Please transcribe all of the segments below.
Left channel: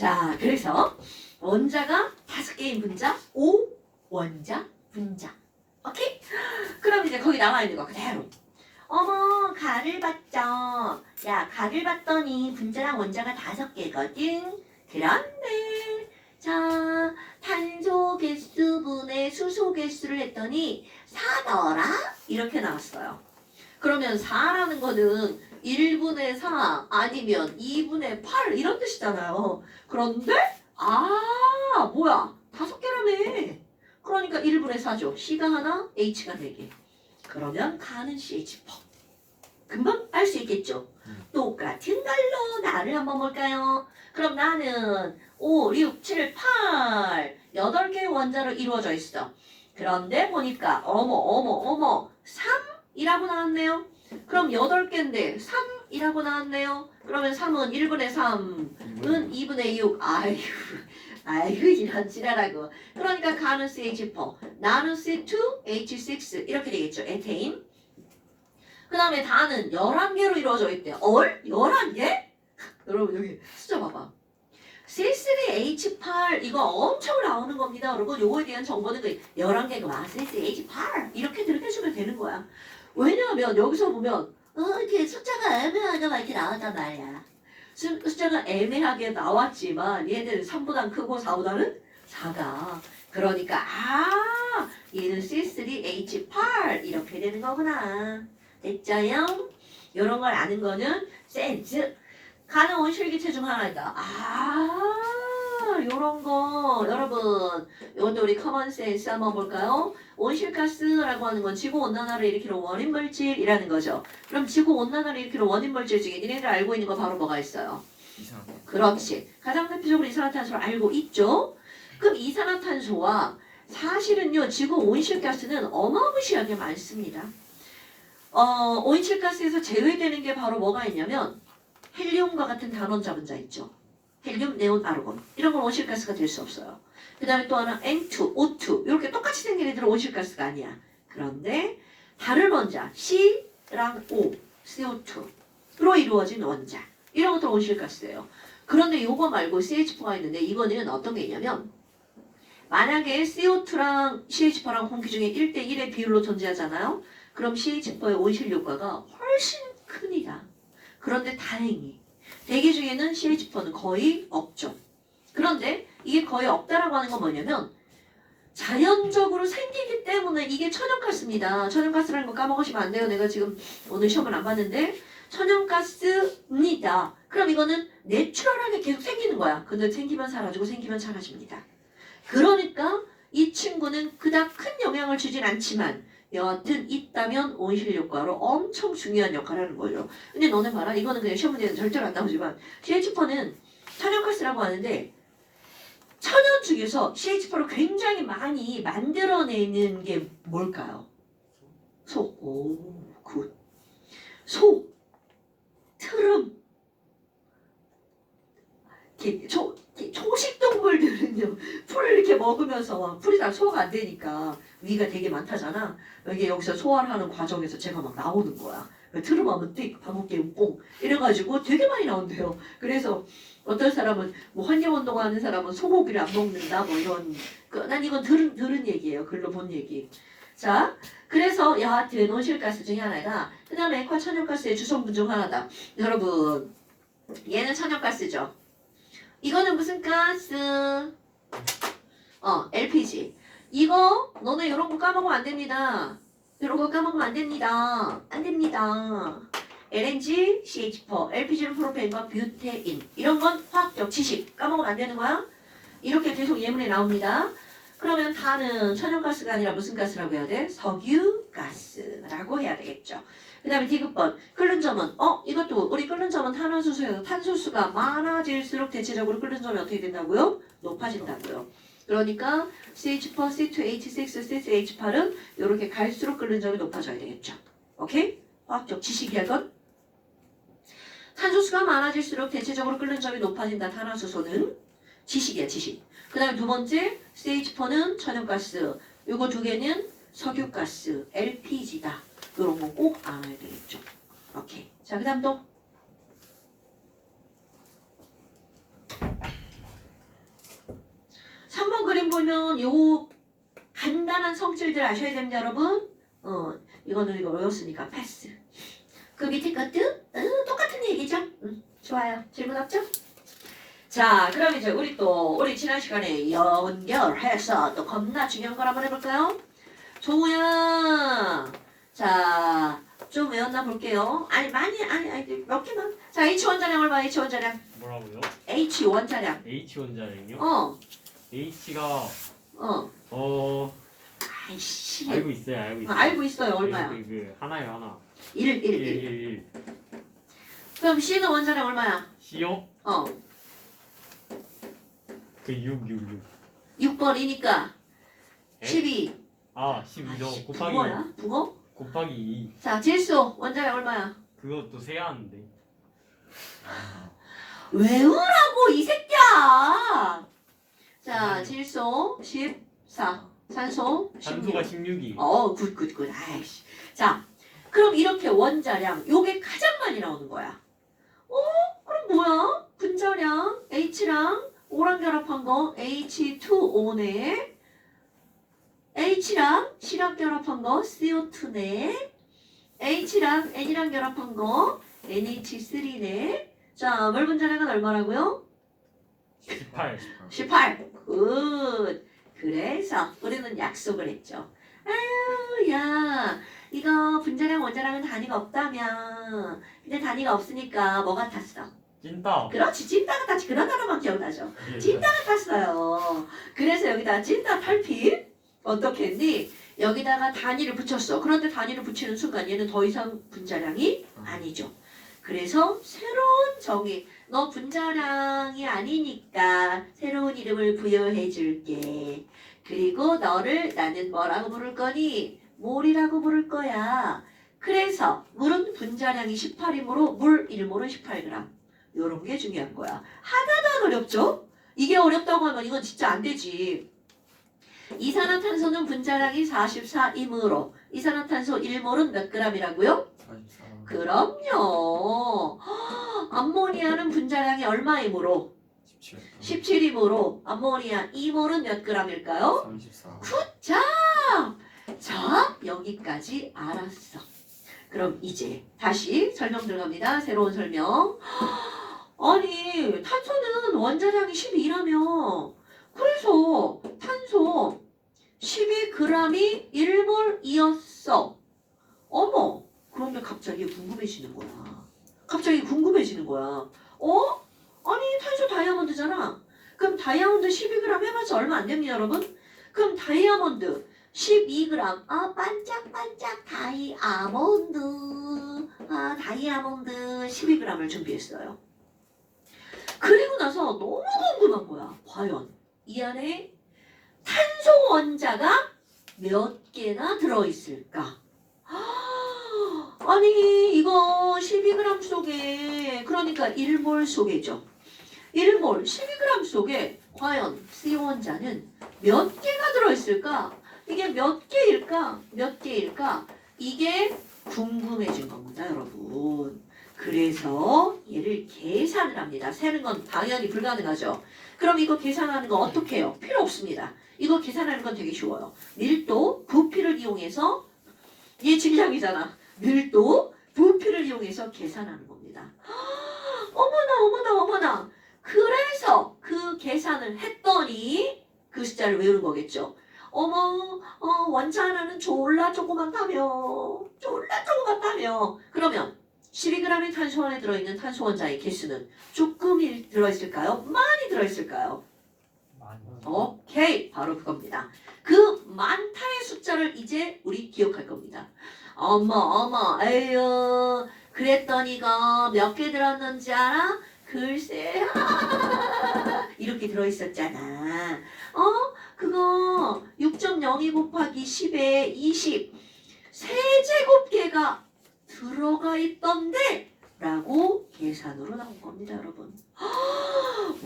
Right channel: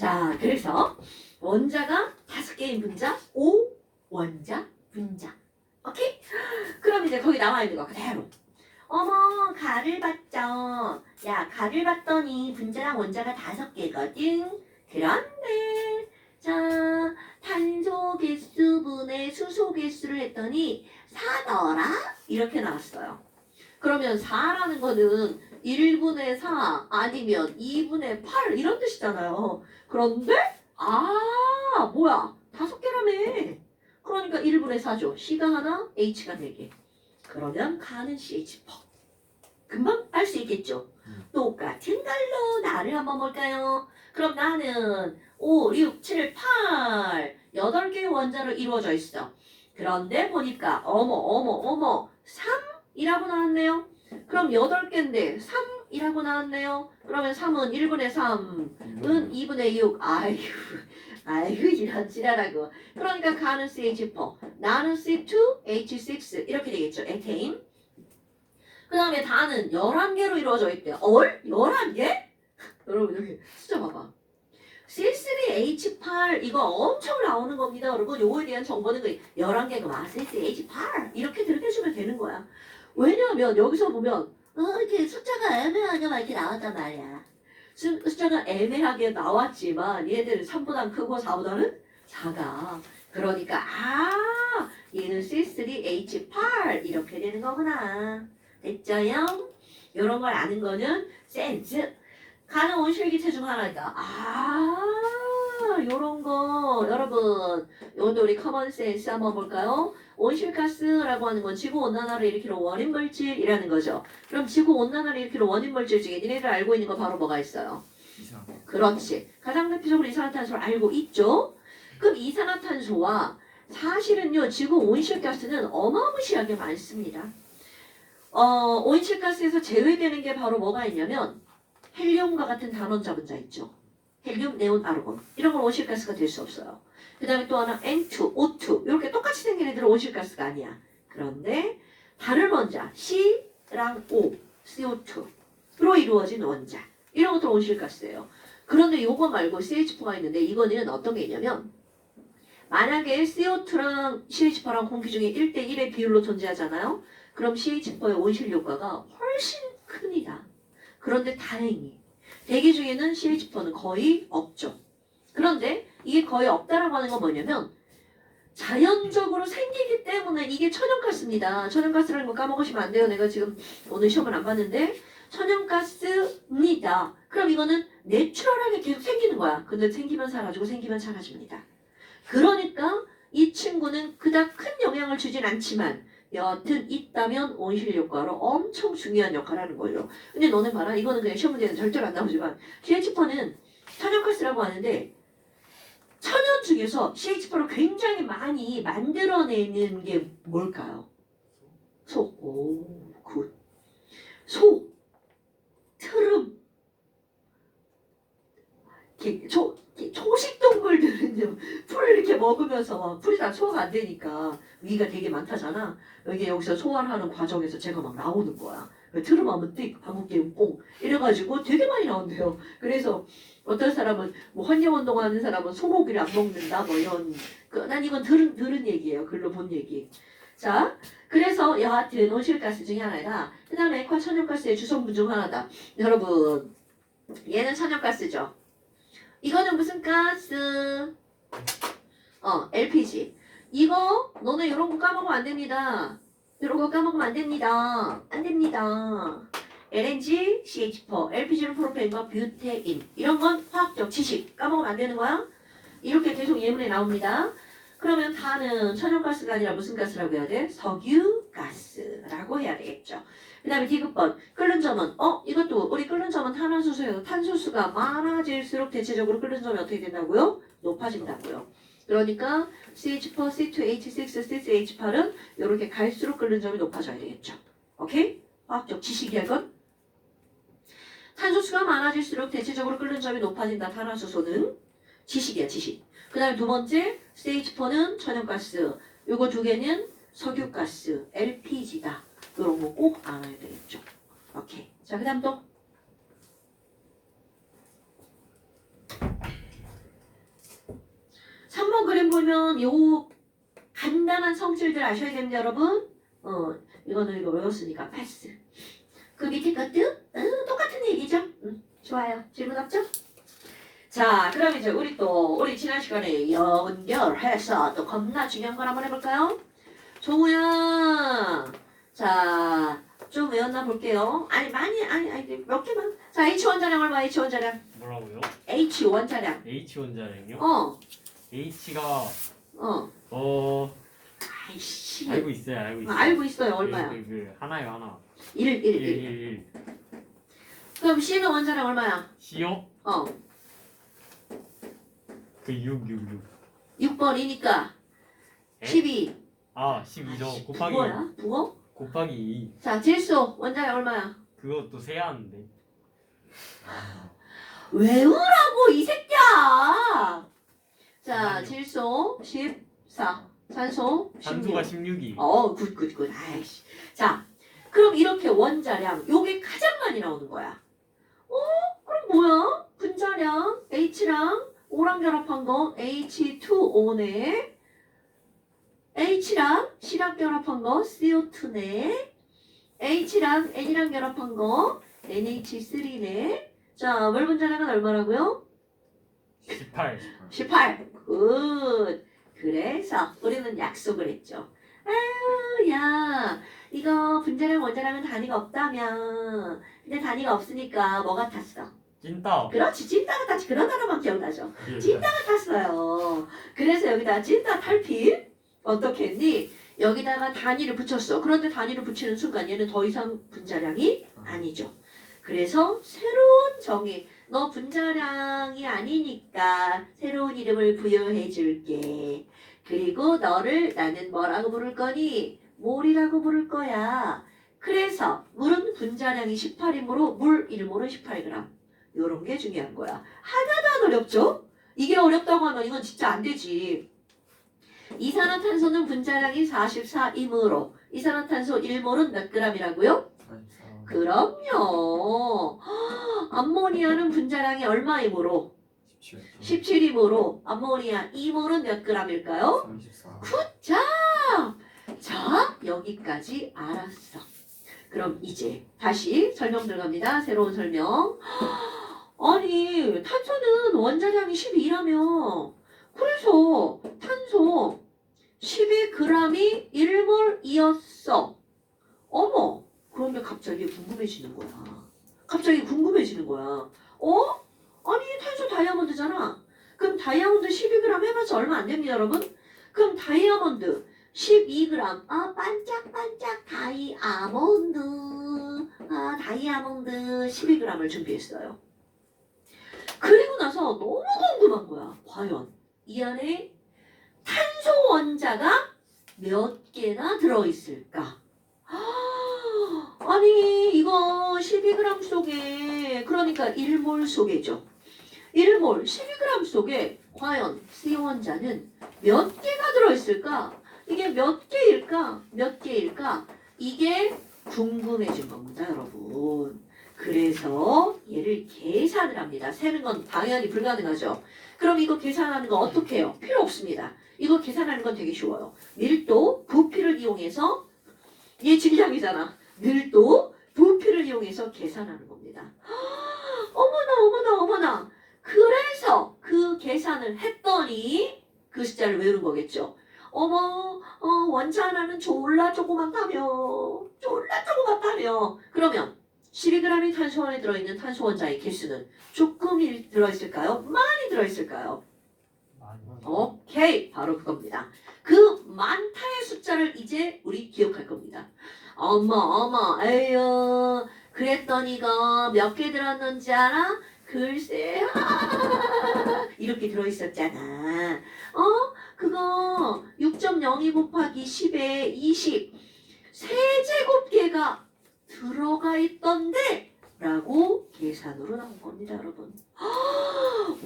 자, 그래서 원자가 5개인 분자, 5원자 분자. 오케이? 그럼 이제 거기 나와 있는 거 그대로. 어머, 가를 봤죠. 야, 가를 봤더니 분자랑 원자가 5개거든. 그런데 자, 탄소 개수분의 수소 개수를 했더니 4더라? 이렇게 나왔어요. 그러면 4라는 거는 1분의 4 아니면 2분의 8 이런 뜻이잖아요. 그런데 뭐야? 5개라며. 그러니까 1분의 4죠. C가 하나, H가 4개. 그러면 가는 CH4. 금방 알 수 있겠죠? 똑같은 걸로 나를 한번 볼까요? 그럼 나는 5, 6, 7, 8 8개의 원자로 이루어져 있어. 그런데 보니까 어머 3이라고 나왔네요. 그럼 8개인데 3이라고 나왔네요. 그러면 3은 1분의 3은 2분의 6. 아이고 이런 지랄하고. 그러니까 가는 CH4, 나는 C2, H6 이렇게 되겠죠. 에테인. 그 다음에 다는 11개로 이루어져 있대요. 11개? 여러분 여기 숫자 봐봐. C3H8 이거 엄청 나오는 겁니다. 여러분 요거에 대한 정보는 11개가 C3H8 이렇게 들으시면 되는 거야. 왜냐하면 여기서 보면 이렇게 숫자가 애매하게 막 이렇게 나왔단 말이야. 숫자가 애매하게 나왔지만 얘는 3보다 크고 4보다는 작아. 그러니까 얘는 C3H8 이렇게 되는 거구나. 됐죠요? 이런 걸 아는 거는 센스. 가는 온실기체 중 하나다. 요런 거 여러분 이것도 우리 커먼 센스 한번 볼까요? 온실가스라고 하는 건 지구온난화를 일으키는 원인물질이라는 거죠. 그럼 지구온난화를 일으키는 원인물질 중에 니네들 알고 있는 거 바로 뭐가 있어요? 이상하다. 그렇지. 가장 대표적으로 이산화탄소를 알고 있죠? 그럼 이산화탄소와 사실은요 지구 온실가스는 어마무시하게 많습니다. 온실가스에서 제외되는 게 바로 뭐가 있냐면 헬륨과 같은 단원자 분자 있죠. 헬륨, 네온, 아르곤 이런 건 온실가스가 될 수 없어요. 그 다음에 또 하나 N2, O2 이렇게 똑같이 생긴 애들은 온실가스가 아니야. 그런데 다른 원자 C랑 O, CO2로 이루어진 원자 이런 것도 온실가스예요. 그런데 요거 말고 CH4가 있는데 이거는 어떤 게 있냐면 만약에 CO2랑 CH4랑 공기 중에 1대1의 비율로 존재하잖아요. 그럼 CH4의 온실 효과가 훨씬 큽니다. 그런데 다행히 대기 중에는 CH4는 거의 없죠. 그런데 이게 거의 없다라고 하는 건 뭐냐면 자연적으로 생기기 때문에 이게 천연가스입니다. 천연가스라는 거 까먹으시면 안 돼요. 내가 지금 오늘 시험을 안 봤는데 천연가스입니다. 그럼 이거는 내추럴하게 계속 생기는 거야. 근데 생기면 사라지고 생기면 사라집니다. 그러니까 이 친구는 그닥 큰 영향을 주진 않지만 여하튼 있다면 온실 효과로 엄청 중요한 역할을 하는 거예요. 근데 너네 봐라. 이거는 그냥 시험 문제는 절대로 안 나오지만 CH4는 천연가스라고 하는데 천연 중에서 CH4를 굉장히 많이 만들어내는 게 뭘까요? 소. 오, 굿. 소. 트름. 초식동물들은요 풀을 이렇게 먹으면서 풀이 다 소화가 안 되니까 위가 되게 많다잖아. 여기서 소화를 하는 과정에서 제가 막 나오는 거야. 트름하면 띡, 방귀깨면 뽕 이래가지고 되게 많이 나온대요. 그래서 어떤 사람은 뭐 환경운동하는 사람은 소고기를 안 먹는다 뭐 이런 난 이건 들은 얘기예요. 글로 본 얘기. 자, 그래서 여하튼 온실가스 중에 하나다. 그 다음에 액화천연가스의 주성분 중 하나다. 여러분 얘는 천연가스죠. 이거는 무슨 가스? LPG. 이거 너네 이런 거 까먹으면 안 됩니다. 이런 거 까먹으면 안 됩니다. 안 됩니다. LNG, CH4, LPG는 프로페인과 뷰테인. 이런 건 화학적 지식. 까먹으면 안 되는 거야. 이렇게 계속 예문에 나옵니다. 그러면 다는 천연가스가 아니라 무슨 가스라고 해야 돼? 석유가스라고 해야 되겠죠. 그 다음에 디귿번 끓는 점은 이것도 우리 끓는 점은 탄화수소에서 탄소수가 많아질수록 대체적으로 끓는 점이 어떻게 된다고요? 높아진다고요. 그러니까 CH4, C2, H6, C3H8은 이렇게 갈수록 끓는 점이 높아져야 되겠죠. 오케이? 화학적 지식이야 이건. 탄소수가 많아질수록 대체적으로 끓는 점이 높아진다. 탄화수소는 지식이야 지식. 그 다음에 두 번째 CH4는 천연가스. 요거 두 개는 석유가스, LPG다. 이런 거 꼭 알아야 되겠죠. 오케이. 자, 그 다음 또. 보면 요 간단한 성질들 아셔야 됩니다, 여러분. 이거는 이거 어려웠으니까 패스. 그 밑에 것도 똑같은 얘기죠. 좋아요. 질문 없죠? 자, 그럼 이제 우리 지난 시간에 연결해서 또 겁나 중요한 걸 한번 해볼까요? 종우야. 자, 좀 외웠나 볼게요. 아니 몇 개만. 자, H 원자량 얼마? H 원자량. 뭐라고요? H 원자량. H 원자량이요? H가 아이씨. 알고 있어요. 알고 있어요. 얼마야? 하나요, 하나. 1. 그럼 C는 원자량 얼마야? C요? 6. 6번이니까 에? 12. 12죠. 곱하기 붕어야? 붕어? 곱하기 2. 자, 질소 원자량 얼마야? 그것도 세야 하는데. 외우라고 이 새끼야. 자, 질소 14. 산소 16. 산소가 16이. 굿. 아이씨. 자, 그럼 이렇게 원자량 요게 가장 많이 나오는 거야. 그럼 뭐야? 분자량 H랑 O랑 결합한 거 H2O네. H랑 C랑 결합한 거 CO2네. H랑 N이랑 결합한 거 NH3네. 자, 물 분자량은 얼마라고요? 18. 굿. 그래서 우리는 약속을 했죠. 아유, 야, 이거 분자량 원자량은 단위가 없다면, 근데 단위가 없으니까 뭐 같았어? 찐따. 그렇지, 찐따 같았지. 그런 단어만 기억나죠. 찐따 같았어요. 그래서 여기다 찐따 탈피 어떻게 했니? 여기다가 단위를 붙였어. 그런데 단위를 붙이는 순간 얘는 더 이상 분자량이 아니죠. 그래서 새로운 정의, 너 분자량이 아니니까 새로운 이름을 부여해 줄게. 그리고 너를 나는 뭐라고 부를 거니? 몰이라고 부를 거야. 그래서 물은 분자량이 18이므로 물 1몰은 18g. 요런 게 중요한 거야. 하나도 안 어렵죠? 이게 어렵다고 하면 이건 진짜 안 되지. 이산화탄소는 분자량이 44이므로 이산화탄소 1몰은 몇 g이라고요? 44. 그럼요. 암모니아는 분자량이 얼마이므로? 17. 17이므로 암모니아 2몰은 몇 g일까요? 34. 자, 여기까지 알았어. 그럼 이제 다시 설명 들어갑니다. 새로운 설명. 아니, 탄소는 원자량이 12라며. 그래서 탄소 12g이 1몰이었어. 어머, 그런데 갑자기 궁금해지는 거야. 아니, 탄소 다이아몬드잖아. 그럼 다이아몬드 12g 해봤자 얼마 안 됩니다, 여러분. 그럼 다이아몬드 12g. 반짝반짝 다이아몬드. 다이아몬드 12g을 준비했어요. 그리고 나서 너무 궁금한 거야. 과연 이 안에 탄소 원자가 몇 개나 들어있을까? 아니, 이거 12g 속에, 그러니까 1몰 속에죠. 1몰 12g 속에 과연 C 원자는 몇 개가 들어있을까? 이게 몇 개일까? 이게 궁금해진 겁니다, 여러분. 그래서 얘를 계산을 합니다. 세는 건 당연히 불가능하죠. 그럼 이거 계산하는 거 어떻게 해요? 필요 없습니다. 이거 계산하는 건 되게 쉬워요. 밀도, 부피를 이용해서, 얘 질량이잖아. 밀도, 부피를 이용해서 계산하는 겁니다. 어머나. 그래서 그 계산을 했더니 그 숫자를 외우는 거겠죠. 원자 하나는 졸라 조그맣다며. 그러면 12g의 탄소 안에 들어있는 탄소 원자의 개수는 조금 들어있을까요? 많이 들어있을까요? 오케이, 바로 그겁니다. 그 많다의 숫자를 이제 우리 기억할 겁니다. 어머, 에휴, 그랬더니가 몇 개 들었는지 알아? 글쎄, 이렇게 들어있었잖아. 그거 6.02 곱하기 10에 20 세제곱계가 들어가 있던데 라고 계산으로 나온 겁니다, 여러분.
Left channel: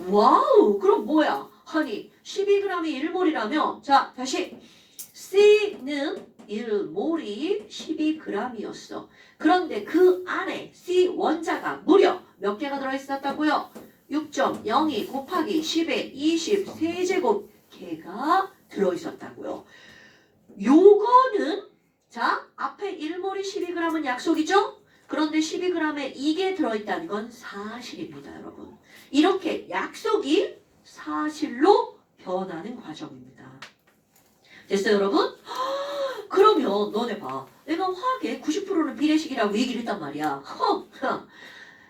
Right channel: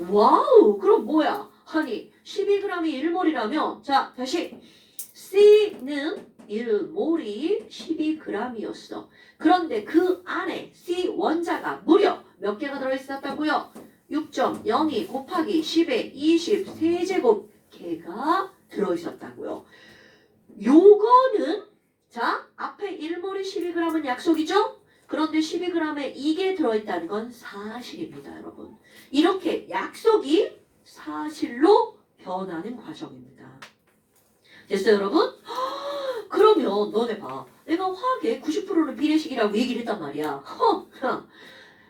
와우, 그럼 뭐야? 아니, 12g이 1몰이라면, 자, 다시. C는 1몰이 12g이었어. 그런데 그 안에 C 원자가 무려 몇 개가 들어있었다고요? 6.02 곱하기 10의 20 세제곱 개가 들어있었다고요. 요거는 자 앞에 1몰이 12g은 약속이죠? 그런데 12g에 이게 들어있다는 건 사실입니다, 여러분. 이렇게 약속이 사실로 변하는 과정입니다. 됐어요, 여러분? 그러면 너네 봐. 내가 화학의 90%는 비례식이라고 얘기를 했단 말이야.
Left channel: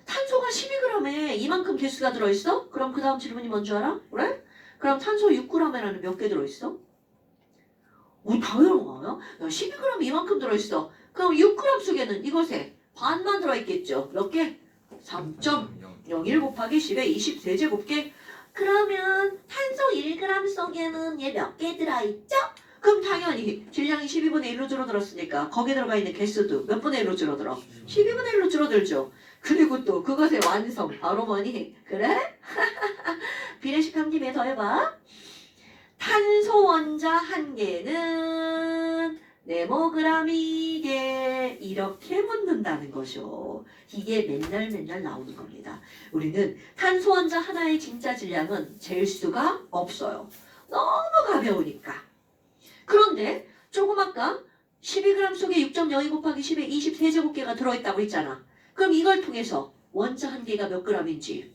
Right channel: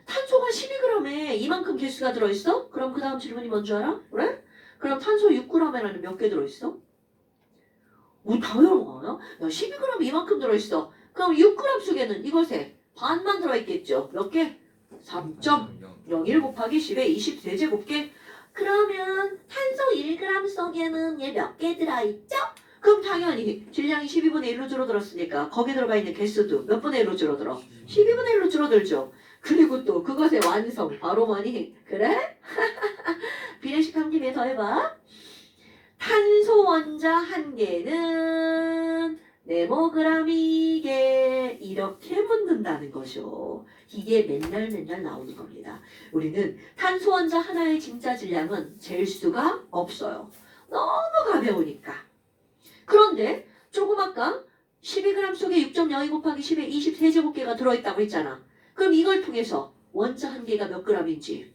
탄소가 12g에 이만큼 개수가 들어있어? 그럼 그 다음 질문이 뭔 줄 알아? 그래? 그럼 탄소 6g에는 몇 개 들어있어? 우리 다 외운 거야? 야, 12g 이만큼 들어있어. 그럼 6g 속에는 이것에 반만 들어있겠죠. 몇 개? 3.01 곱하기 10의 20세제곱개. 그러면 탄소 1g 속에는 얘 몇 개 들어있죠? 그럼 당연히 질량이 12분의 1로 줄어들었으니까 거기에 들어가 있는 개수도 몇 분의 1로 줄어들어? 12분의 1로 줄어들죠. 그리고 또 그것의 완성 바로 뭐니? 그래? 비례식 한 김에 더 해봐. 탄소 원자 한 개는 네모그램이게 이렇게 묻는다는 거죠. 이게 맨날 나오는 겁니다. 우리는 탄소 원자 하나의 진짜 질량은 잴 수가 없어요. 너무 가벼우니까. 그런데 조금 아까 12g 속에 6.02 곱하기 10의 20세제곱개가 들어있다고 했잖아. 그럼 이걸 통해서 원자 한 개가 몇 g인지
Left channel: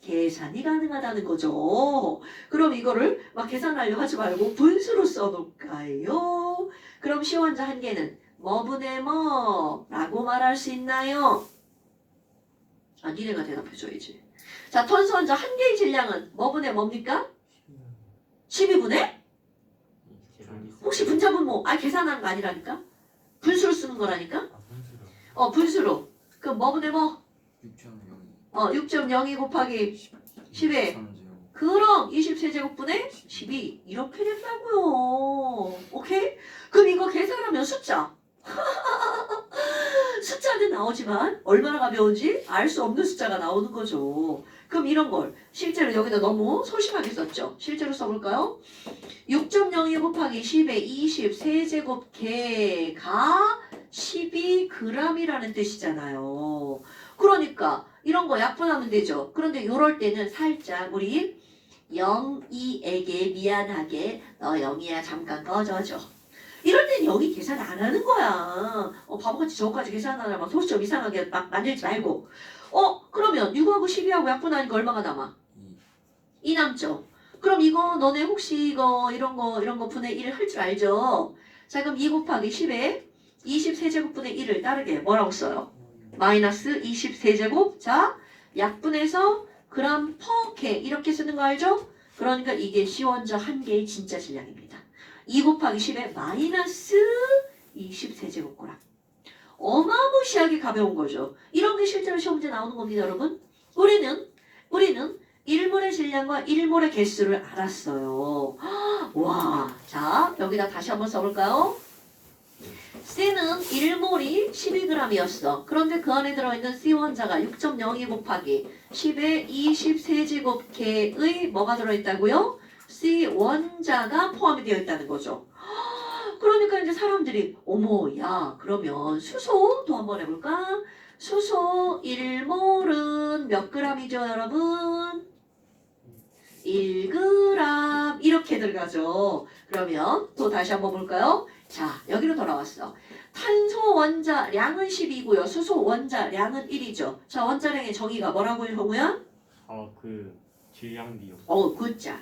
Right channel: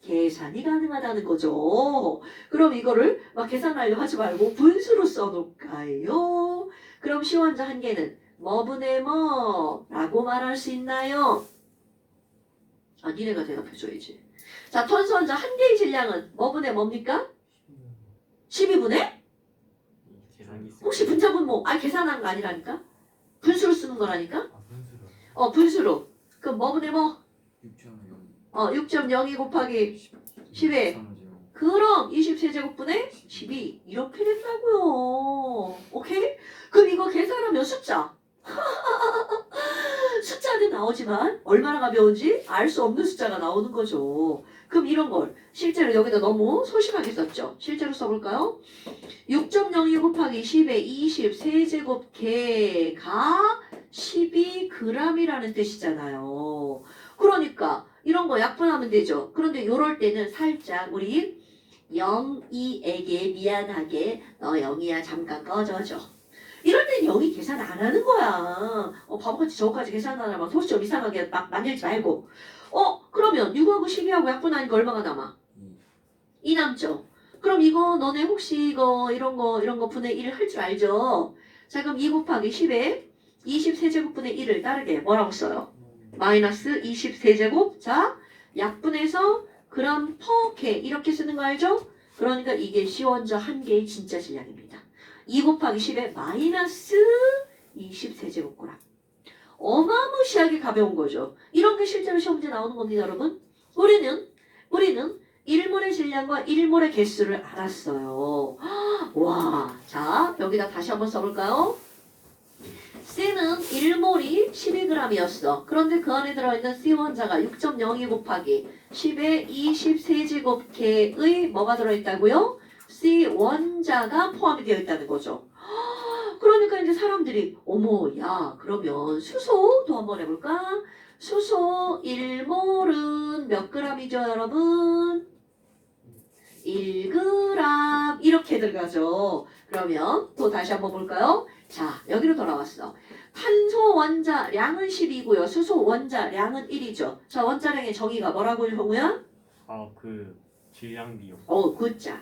계산이 가능하다는 거죠. 그럼 이거를 막 계산하려고 하지 말고 분수로 써놓을까요? 그럼 시원자 한 개는 뭐분의 뭐라고 말할 수 있나요? 아, 니네가 대답해줘야지. 자, 탄소원자 한 개의 질량은 뭐분의 뭡니까? 12분의? 혹시 분자분모? 아니, 계산하는 거 아니라니까? 분수로 쓰는 거라니까? 분수로. 그럼 뭐분의 뭐? 6.02 곱하기 10에 그럼 20세제곱분의 12 이렇게 된다고요. 오케이? 그럼 이거 계산하면 숫자 숫자는 나오지만 얼마나 가벼운지 알 수 없는 숫자가 나오는 거죠. 그럼 이런 걸 실제로 여기다 너무 소심하게 썼죠. 실제로 써볼까요? 6.02 곱하기 10의 20세제곱개가 12g이라는 뜻이잖아요. 그러니까 이런 거 약분하면 되죠. 그런데 이럴 때는 살짝 우리 0이에게 미안하게 너 0이야 잠깐 꺼져줘. 이럴 땐 0이 계산 안 하는 거야. 바보같이 저거까지 계산하려면 소수 좀 이상하게 막 만들지 말고. 그러면 6하고 12하고 약분하니까 얼마가 남아? 2 남죠. 그럼 이거 너네 혹시 이거 이런 거 분의 1 할 줄 알죠? 자 그럼 2 곱하기 10에 20세제곱분의 1을 따르게 뭐라고 써요? 마이너스 20세제곱. 자 약분해서 그램 퍼 개 이렇게 쓰는 거 알죠? 그러니까 이게 시원자 한 개의 진짜 질량입니다. 2 곱하기 10에 마이너스 20세제곱그램. 어마무시하게 가벼운 거죠. 이런 게 실제로 시험 문제 나오는 겁니다, 여러분. 우리는 1몰의 질량과 1몰의 개수를 알았어요. 와, 자 여기다 다시 한번 써볼까요? C는 1몰이 12g이었어. 그런데 그 안에 들어있는 C 원자가 6.02 곱하기 10의 20세제곱개의 뭐가 들어있다고요? C 원자가 포함이 되어 있다는 거죠. 그러니까 이제 사람들이 어머 야 그러면 수소도 한번 해볼까? 수소 1몰은 몇 g이죠 여러분? 1g 이렇게 들어가죠. 그러면 또 다시 한번 볼까요? 자 여기로 돌아왔어. 탄소 원자량은 10이고요. 수소 원자량은 1이죠. 자 원자량의 정의가 뭐라고요 형우야? 그 질량비요. 굿자.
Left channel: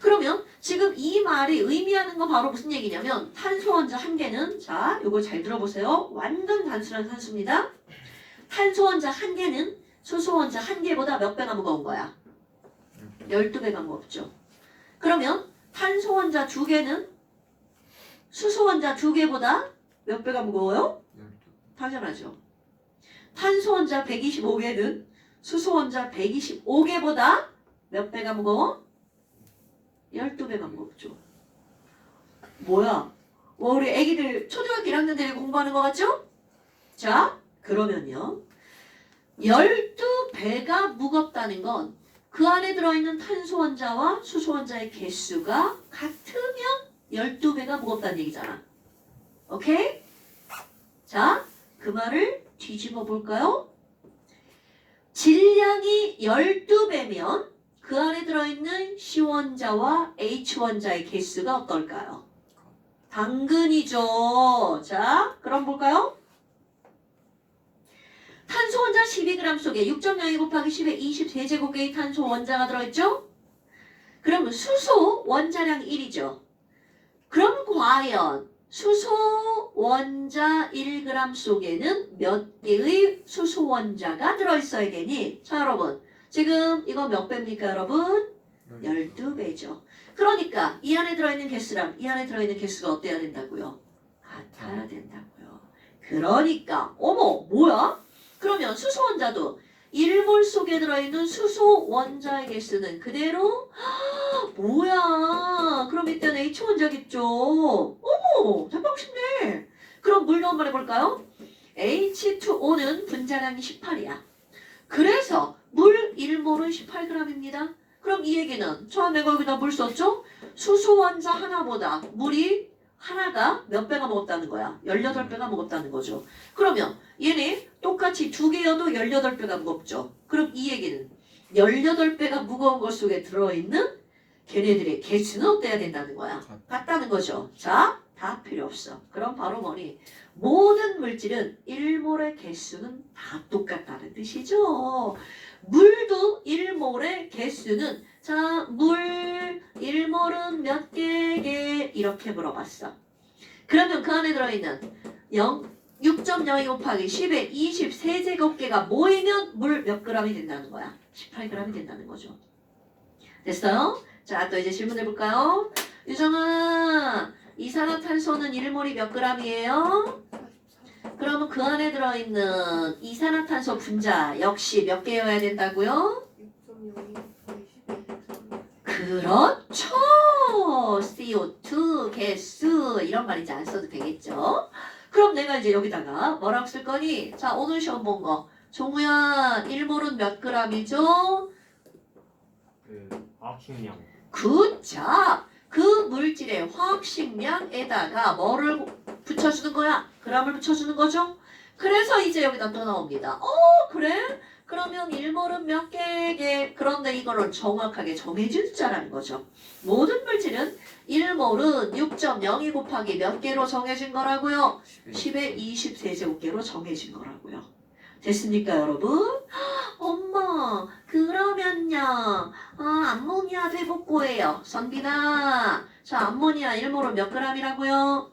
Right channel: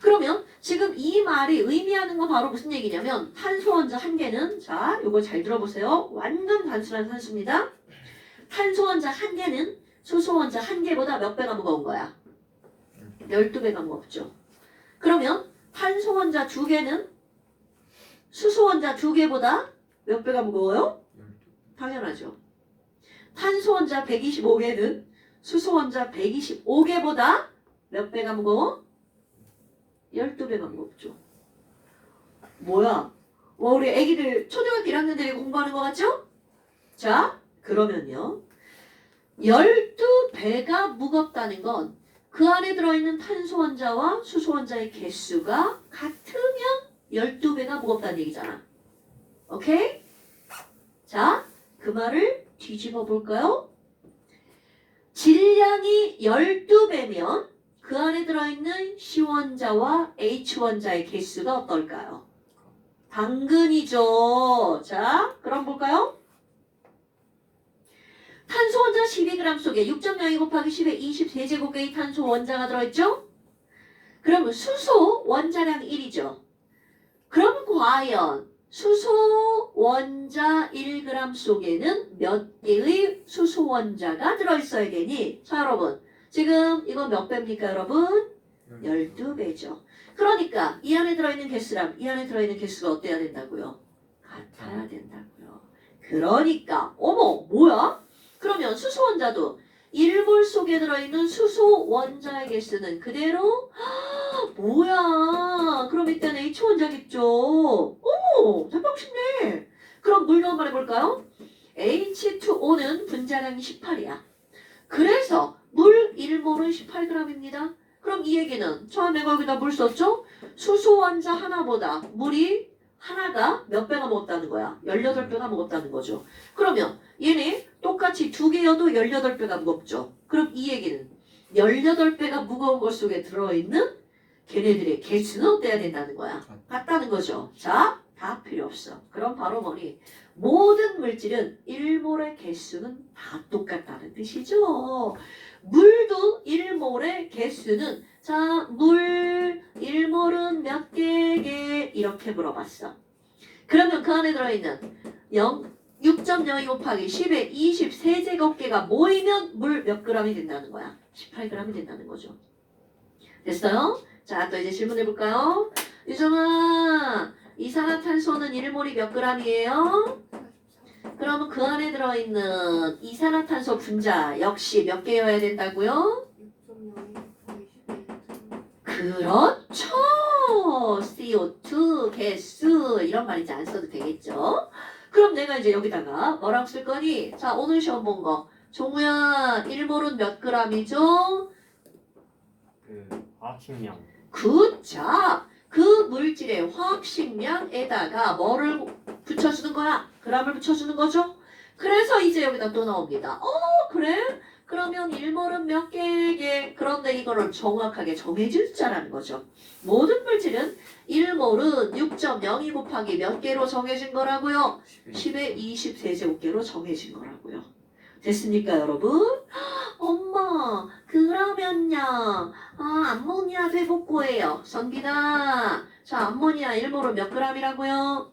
그러면 지금 이 말이 의미하는 건 바로 무슨 얘기냐면 탄소 원자 한 개는 자 이거 잘 들어보세요. 완전 단순한 산수입니다. 탄소 원자 한 개는 수소 원자 한 개보다 몇 배가 무거운 거야? 12배가 무겁죠. 그러면 탄소 원자 두 개는 수소 원자 두 개보다 몇 배가 무거워요? 당연하죠. 탄소 원자 125개는 수소 원자 125개보다 몇 배가 무거워? 12배가 무겁죠. 뭐야? 우리 애기들 초등학교 1학년들이 공부하는 거 같죠? 자, 그러면요. 12배가 무겁다는 건 그 안에 들어있는 탄소 원자와 수소 원자의 개수가 같으면 12배가 무겁다는 얘기잖아. 오케이? 자, 그 말을 뒤집어 볼까요? 질량이 12배면 그 그 안에 들어있는 C원자와 H원자의 개수가 어떨까요? 당근이죠. 자, 그럼 볼까요? 탄소 원자 12g 속에 6.02 곱하기 10의 23제곱개의 탄소 원자가 들어있죠? 그러면 수소 원자량 1이죠. 그럼 과연 수소 원자 1g 속에는 몇 개의 수소 원자가 들어있어야 되니? 자, 여러분. 지금 이건 몇 배입니까, 여러분? 12배죠. 그러니까 이 안에 들어있는 개수랑 이 안에 들어있는 개수가 어때야 된다고요? 같아야 된다고요. 그러니까 어머 뭐야? 그러면 수소 원자도 1몰 속에 들어있는 수소 원자의 개수는 그대로 뭐야? 그럼 이때는 H 원자겠죠. 어머 대박 쉽네. 그럼 물로 한번 해볼까요? H2O는 분자량이 18이야. 그래서 물 1몰은 18g입니다. 그럼 이 얘기는 처음에 거기다 물 썼죠? 수소 원자 하나보다 물이 하나가 몇 배가 먹었다는 거야? 18배가 먹었다는 거죠. 그러면 얘네 똑같이 두 개여도 18배가 무겁죠. 그럼 이 얘기는 18배가 무거운 것 속에 들어있는 걔네들의 개수는 어때야 된다는 거야? 같다는 거죠. 자, 다 필요 없어. 그럼 바로 뭐니? 모든 물질은 1몰의 개수는 다 똑같다는 뜻이죠. 물도 1몰의 개수는 자, 물 1몰은 몇 개게? 이렇게 물어봤어. 그러면 그 안에 들어있는 6.02 곱하기 10의 23제곱개가 모이면 물 몇 g이 된다는 거야? 18g이 된다는 거죠. 됐어요? 자, 또 이제 질문 해볼까요? 유정아, 이산화탄소는 1몰이 몇 g이에요? 그러면 그 안에 들어있는 이산화탄소 분자 역시 몇 개여야 된다고요? 그렇죠. CO2 개수 이런 말 이제 안 써도 되겠죠. 그럼 내가 이제 여기다가 뭐라고 쓸 거니? 자, 오늘 시험 본 거. 종우야, 1몰은 몇 g이죠? 그 화학식량. 굿자. 그 물질의 화학식량에다가 뭐를 붙여주는 거야? g을 붙여주는 거죠? 그래서 이제 여기다 또 나옵니다. 그래? 그러면 1몰은 몇 개게? 그런데 이거를 정확하게 정해주자라는 거죠. 모든 물질은 1몰은 6.02 곱하기 몇 개로 정해진 거라고요? 10의 23제곱개로 정해진 거라고요. 됐습니까, 여러분? 엄마, 그러면요. 암모니아 회복고예요. 선빈아. 자, 암모니아 1몰은 몇 g이라고요?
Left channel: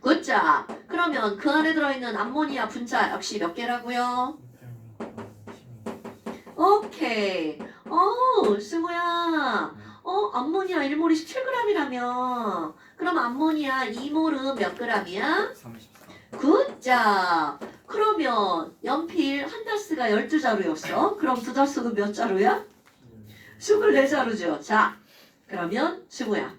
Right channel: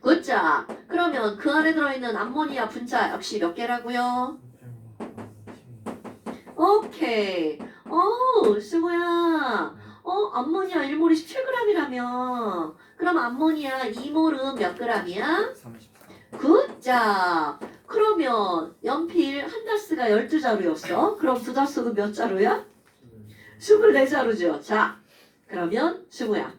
굿자. 그러면 그 안에 들어있는 암모니아 분자 역시 몇 개라고요? 오케이. 승우야. 암모니아 1몰이 17g이라며. 그럼 암모니아 2몰은 몇 g이야? 34. 굿자. 그러면 연필 한 다스가 12자루였어. 그럼 두 다스는 몇 자루야? 24자루죠. 자, 그러면 승우야.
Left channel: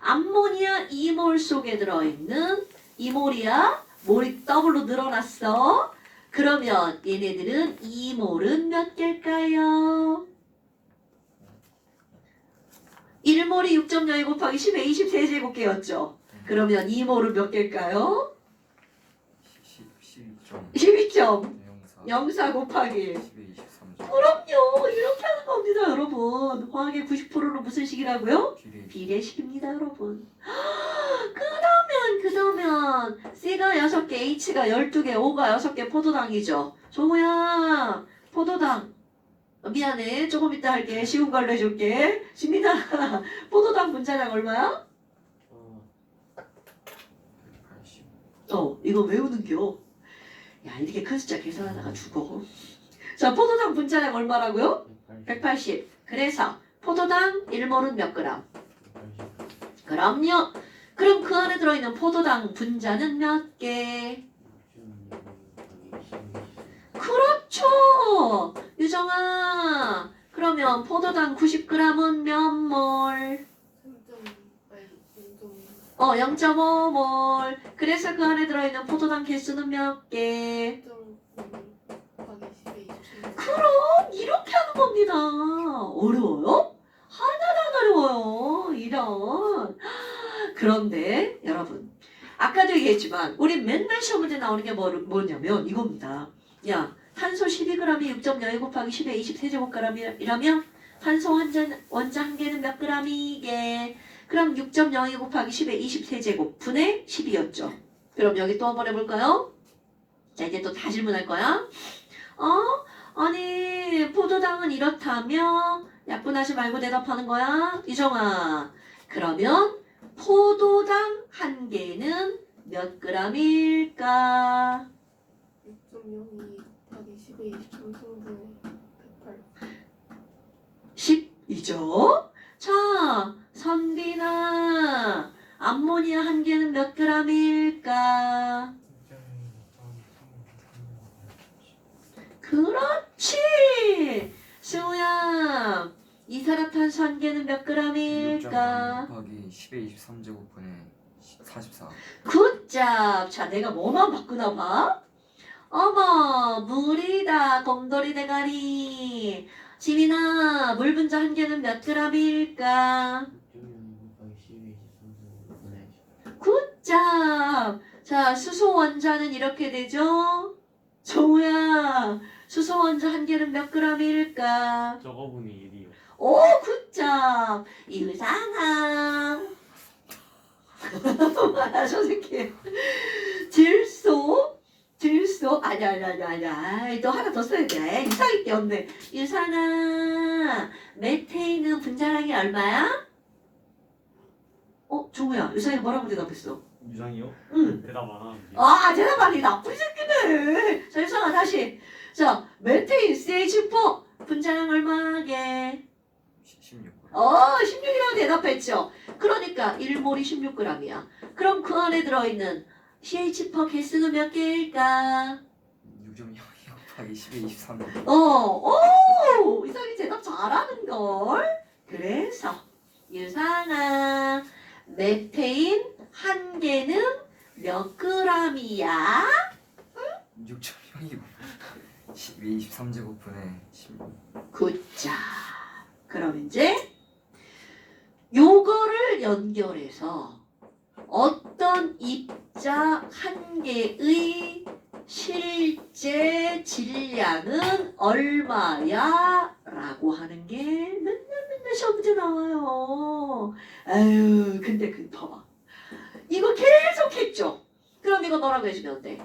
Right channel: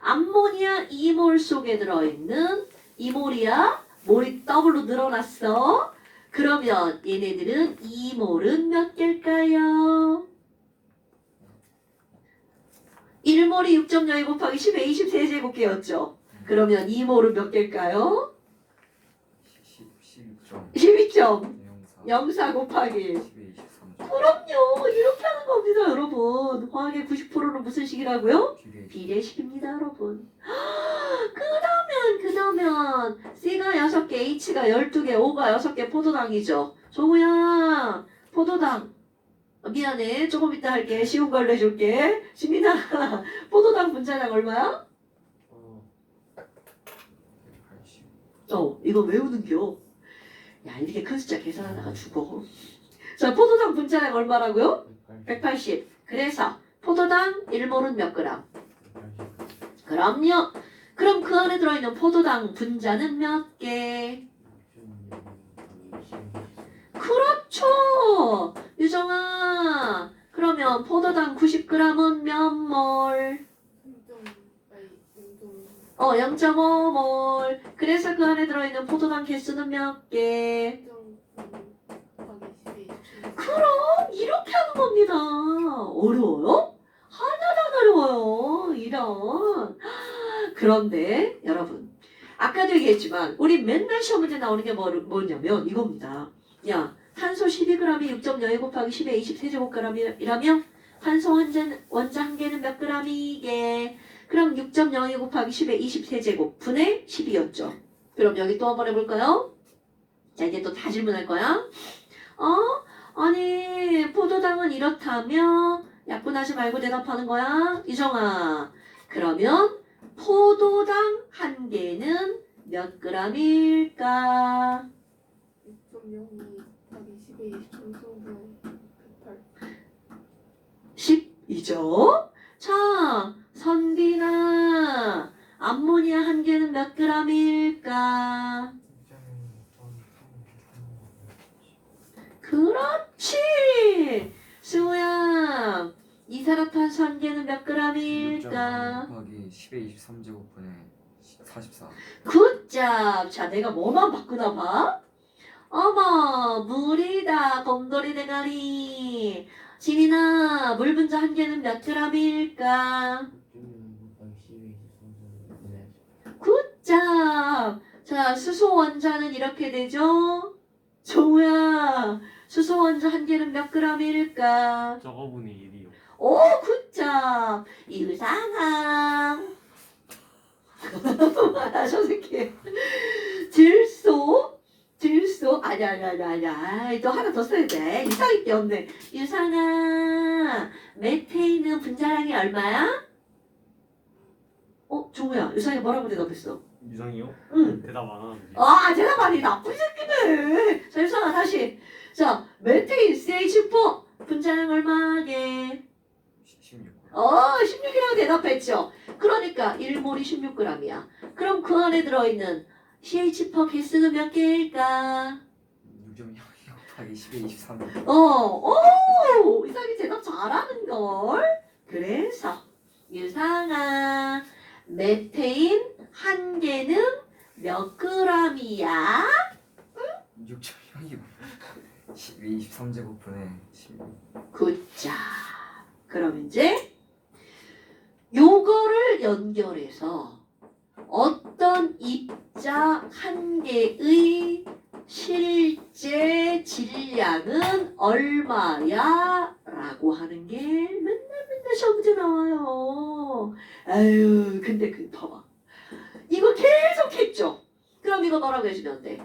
암모니아 2몰 속에 들어있는 2몰이야. 몰이 더블로 늘어났어. 그러면 얘네들은 2몰은 몇 개일까요? 1몰이 6.02 곱하기 10의 23제곱개였죠. 그러면 2몰은 몇 개일까요? 12.04 곱하기 10의 23. 그럼요. 이렇게 하는 겁니다, 여러분. 화학의 90%는 무슨 식이라고요? 비례식입니다, 여러분. 그러면 C가 6개, H가 12개, O가 6개 포도당이죠. 종우야, 포도당. 미안해. 조금 이따 할게. 쉬운 걸로 해줄게. 신민아, 포도당 분자량 얼마야? 180. 이거 외우는겨. 야, 이렇게 큰 숫자 계산하다가 죽어. 자, 포도당 분자량 얼마라고요? 180. 그래서 포도당 1몰은 몇 g? 그럼요. 그럼 그 안에 들어있는 포도당 분자는 몇 개? 그렇죠. 유정아. 그러면 포도당 90g은 몇 몰? 0.5몰. 그래서 그 안에 들어있는 포도당 개수는 몇 개? 그럼 이렇게 하는 겁니다. 어려워요? 하나도 안 어려워요. 이런. 그런데 여러분, 아까도 얘기했지만 우리 맨날 시험 문제 나오는 게 뭐냐면 이겁니다. 야, 탄소 12g이 6.02 곱하기 10의 23제곱g이라면 탄소 원자 한 개는 몇 g이게? 그럼 6.02 곱하기 10의 23제곱 분의 12였죠. 그럼 여기 또 한번 해볼까요? 자, 이제 또 다 질문할 거야. 아니 포도당은 이렇다며? 약분하지 말고 대답하는 거야. 이정아. 그러면 포도당 한 개는 몇 g일까? 6.02 곱하기 10의 23승분의 108. 10이죠. 자, 선빈아. 암모니아 한 개는 몇 g일까? 그렇지. 승우야. 이산화탄소 한 개는 몇 g일까? 6.0 곱하기 10의 23제곱분의 44. 굿잡. 자, 내가 뭐만 바꾸나 봐. 어머, 물이다. 곰돌이 대가리. 지민아, 물 분자 한 개는 몇 g일까? 6.02 곱하기 10의 23제곱분의 굿잡. 자, 수소 원자는 이렇게 되죠? 정우야, 수소 원자 한 개는 몇 g일까? 저거분이 1이요. 오, 굿잡. 이상함. 선생님. 질소. 아니야. 또 하나 더 써야 돼. 이상할 게 없네. 유산아, 메테인은 분자량이 얼마야? 정우야, 유산이 뭐라고 대답했어? 유상이요? 응. 대답 안 하는데. 아, 대답 많이 나쁜 새끼네. 자, 유산아, 다시. 자, 메테인 CH4 분자량 얼마게? 16. 16이라고 대답했죠. 그러니까 1몰이 16g이야. 그럼 그 안에 들어있는 CH4 개수는 몇 개일까? 6.0 곱하기 10의 23. 이상이 대답 잘하는걸. 그래서 유상아, 메테인 한 개는 몇 g이야? 6.0이고 10의 23제곱분의 16. 굿자. 그럼 이제 요거를 연결해서 어떤 입자 한 개의 실제 질량은 얼마야? 라고 하는 게 맨날 시험 문제 나와요. 아유, 근데 봐봐. 이거 계속 했죠? 그럼 이거 뭐라고 해주면 돼?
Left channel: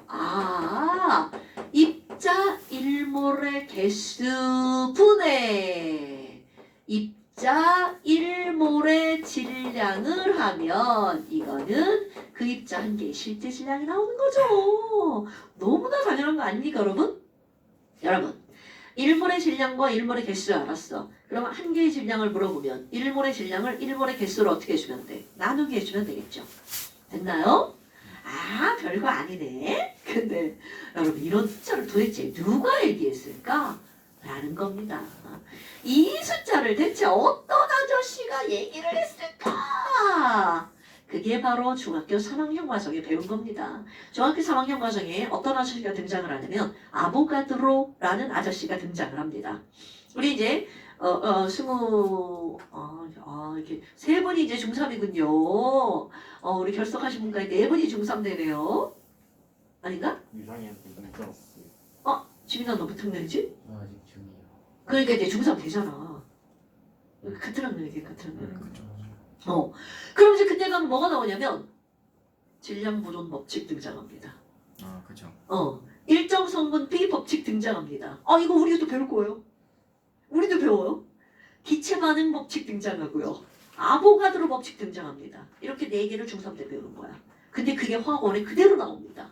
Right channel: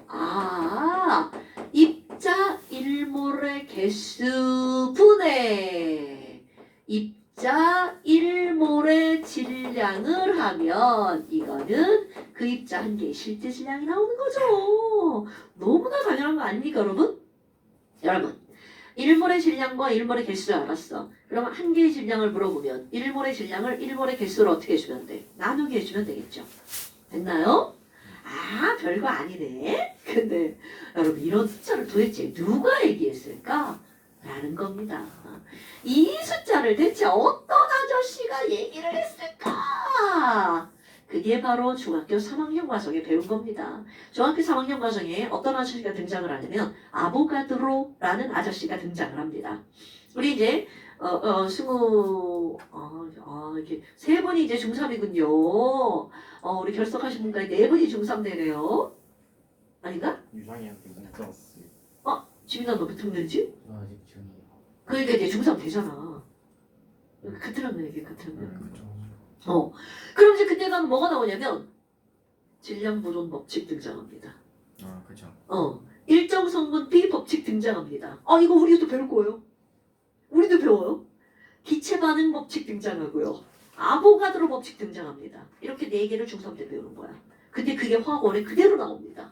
입자 1몰의 개수 분의 입자 1몰의 질량을 하면 이거는 그 입자 한 개의 실제 질량이 나오는 거죠. 너무나 당연한 거 아닙니까, 여러분? 여러분, 1몰의 질량과 1몰의 개수를 알았어. 그럼 한 개의 질량을 물어보면 1몰의 질량을 1몰의 개수로 어떻게 해주면 돼? 나누기 해주면 되겠죠. 됐나요? 별거 아니네. 근데 여러분, 이런 숫자를 도대체 누가 얘기했을까? 라는 겁니다. 이 숫자를 대체 어떤 아저씨가 얘기를 했을까? 그게 바로 중학교 3학년 과정에 배운 겁니다. 중학교 3학년 과정에 어떤 아저씨가 등장을 하냐면 아보가드로라는 아저씨가 등장을 합니다. 우리 이제 이렇게 세 분이 이제 중3이군요. 우리 결석하신 분까지 네 분이 중3 되네요. 아닌가? 유상이한테 문자 왔어요. 지민아, 너 몇 학년이지? 저 아직 중이에요. 그러니까 이제 중3 되잖아. 같은 학년이지, 같은 학년. 그죠. 그럼 이제 그때 가면 뭐가 나오냐면 질량보존 법칙 등장합니다. 그죠. 일정 성분비 법칙 등장합니다. 이거 우리도 배울 거예요. 우리도 배워요. 기체 반응 법칙 등장하고요. 아보가드로 법칙 등장합니다. 이렇게 네 개를 중3 때 배우는 거야. 근데 그게 화학원에 그대로 나옵니다.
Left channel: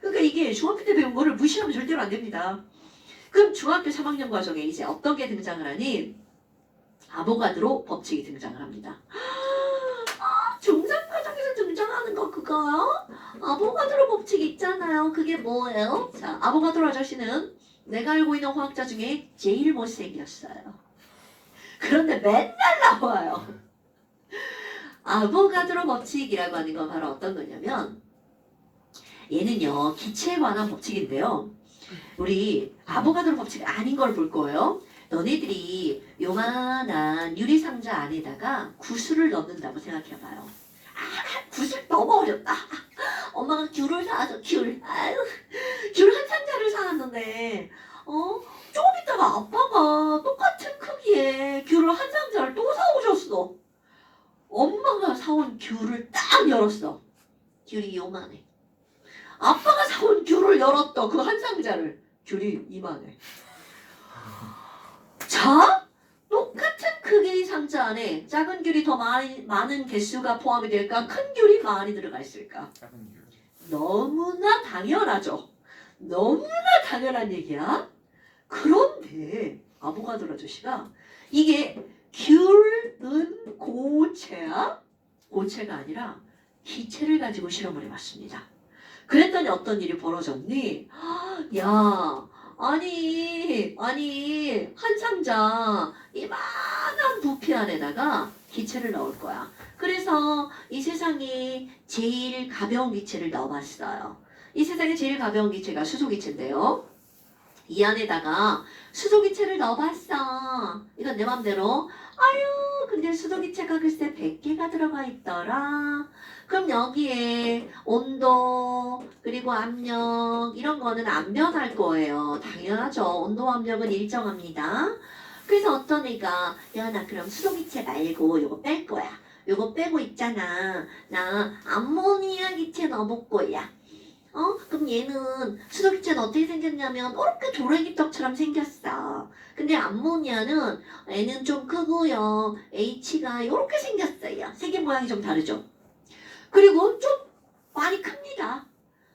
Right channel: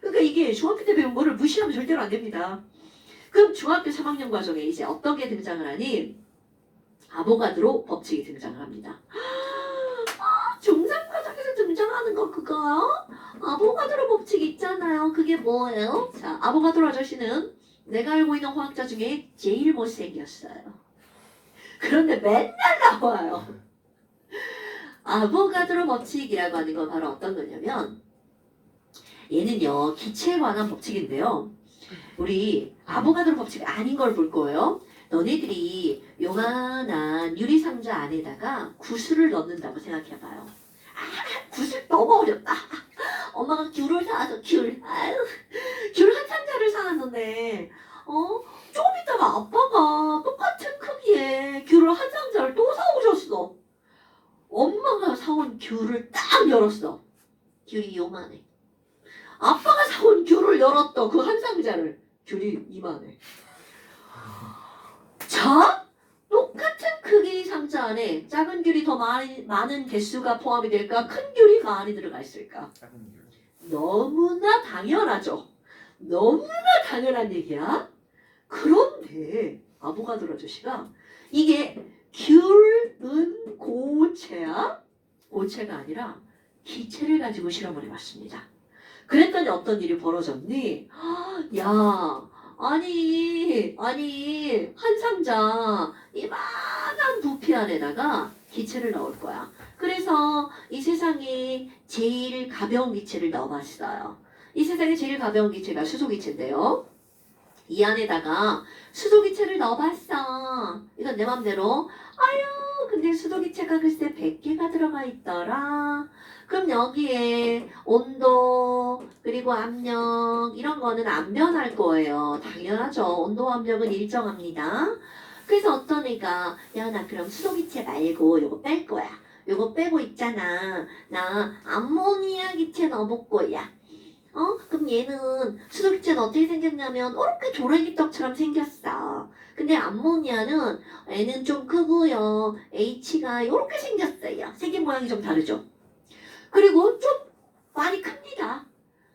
그러니까 이게 중학교 때 배운 거를 무시하면 절대로 안 됩니다. 그럼 중학교 3학년 과정에 이제 어떤 게 등장을 하니? 아보가드로 법칙이 등장을 합니다. 중3 과정에서 등장하는 거 그거? 아보가드로 법칙 있잖아요. 그게 뭐예요? 자, 아보가드로 아저씨는 내가 알고 있는 화학자 중에 제일 못생겼어요. 그런데 맨날 나와요. 아보가드로 법칙이라고 하는 건 바로 어떤 거냐면 얘는요, 기체에 관한 법칙인데요. 우리 아보가드로 법칙 아닌 걸 볼 거예요. 너네들이 요만한 유리상자 안에다가 구슬을 넣는다고 생각해봐요. 구슬 너무 어렵다. 엄마가 귤을 사와서 귤 한 상자를 사왔는데 조금 있다가 아빠가 똑같은 크기의 사온 귤을 딱 열었어. 귤이 요만해. 아빠가 사온 귤을 열었다. 그 한 상자를. 귤이 이만해. 자, 똑같은 크기 상자 안에 작은 귤이 더 많은 개수가 포함이 될까? 큰 귤이 많이 들어가 있을까? 작은 귤. 너무나 당연하죠. 너무나 당연한 얘기야. 그런데 아보가드로 아저씨가 이게 귤은 고체야? 고체가 아니라 기체를 가지고 실험을 해봤습니다. 그랬더니 어떤 일이 벌어졌니? 야, 아니 한 상자 이만한 부피 안에다가 기체를 넣을 거야. 그래서 이 세상에 제일 가벼운 기체를 넣어봤어요. 이 세상에 제일 가벼운 기체가 수소기체인데요. 이 안에다가 수소기체를 넣어봤어. 이건 내 맘대로. 아유, 근데 수소기체가 글쎄 100개가 들어가 있더라. 그럼 여기에 온도 그리고 압력 이런 거는 안 변할 거예요. 당연하죠. 온도와 압력은 일정합니다. 그래서 어떤 애가 야, 나 그럼 수소기체 말고 요거 뺄 거야. 요거 빼고 있잖아. 나 암모니아 기체 넣어볼 거야. 그럼 얘는 수소기체는 어떻게 생겼냐면 이렇게 조래기떡처럼 생겼어. 근데 암모니아는 애는 좀 크고요. H가 이렇게 생겼어요. 생긴 모양이 좀 다르죠. 그리고 좀 많이 큽니다.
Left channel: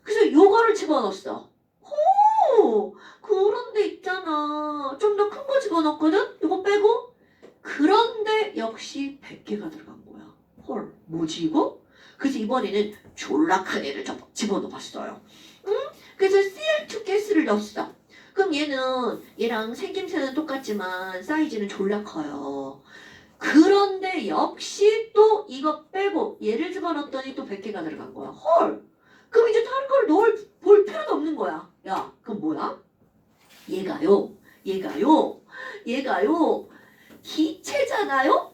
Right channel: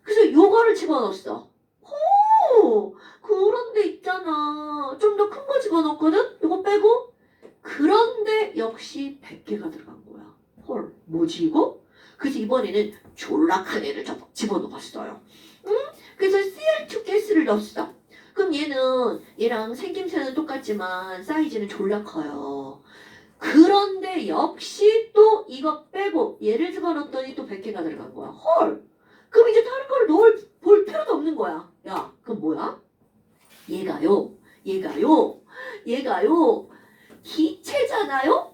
그래서 요거를 집어넣었어. 호! 그런데 있잖아. 좀 더 큰 거 집어넣었거든? 요거 빼고. 그런데 역시 100개가 들어간 거야. 헐, 뭐지 이거? 그래서 이번에는 졸라 큰 애를 집어넣었어요. 응? 그래서 Cl2 가스를 넣었어. 그럼 얘랑 생김새는 똑같지만 사이즈는 졸라 커요. 그런데 역시 또 이거 빼고 얘를 집어넣었더니 또 100개가 들어간 거야. 헐! 그럼 이제 다른 걸 볼 필요가 없는 거야. 야, 그럼 뭐야? 얘가요. 기체잖아요?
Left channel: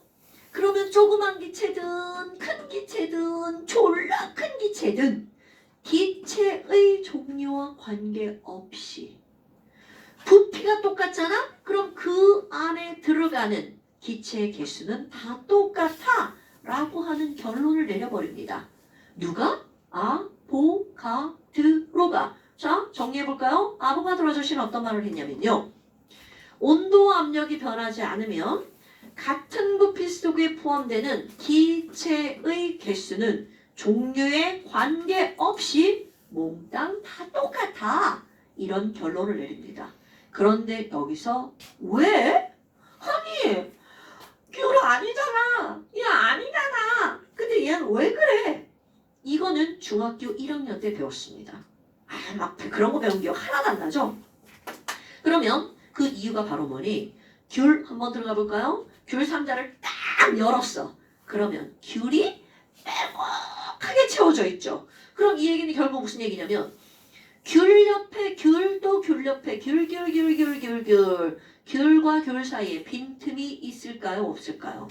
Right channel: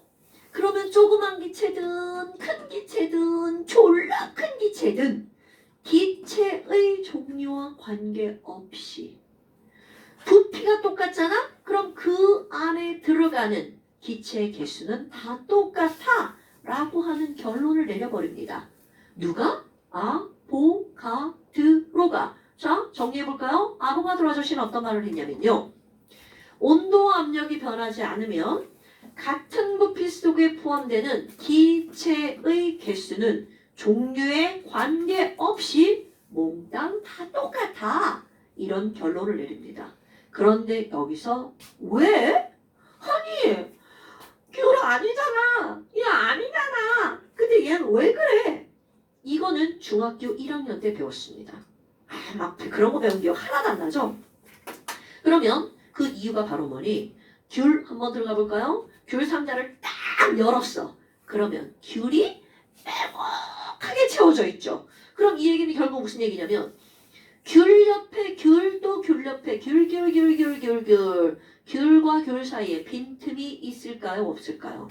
그러면 조그만 기체든 큰 기체든 졸라 큰 기체든 기체의 종류와 관계없이 부피가 똑같잖아? 그럼 그 안에 들어가는 기체의 개수는 다 똑같아 라고 하는 결론을 내려버립니다. 누가? 아보가드로가. 자, 정리해볼까요? 아보가드로 아저씨는 어떤 말을 했냐면요. 온도와 압력이 변하지 않으면 같은 부피 속에 포함되는 기체의 개수는 종류에 관계없이 몽땅 다 똑같아. 이런 결론을 내립니다. 그런데 여기서 왜? 아니, 귤 아니잖아. 야, 아니잖아. 근데 얘는 왜 그래? 이거는 중학교 1학년 때 배웠습니다. 앞에 그런 거 배운 기억 하나도 안 나죠? 그러면 그 이유가 바로 뭐니? 귤 한번 들어가 볼까요? 귤 상자를 딱 열었어. 그러면 귤이 빼곡하게 채워져 있죠. 그럼 이 얘기는 결국 무슨 얘기냐면 귤 옆에 귤 또 귤 옆에 귤 귤과 귤 사이에 빈틈이 있을까요? 없을까요?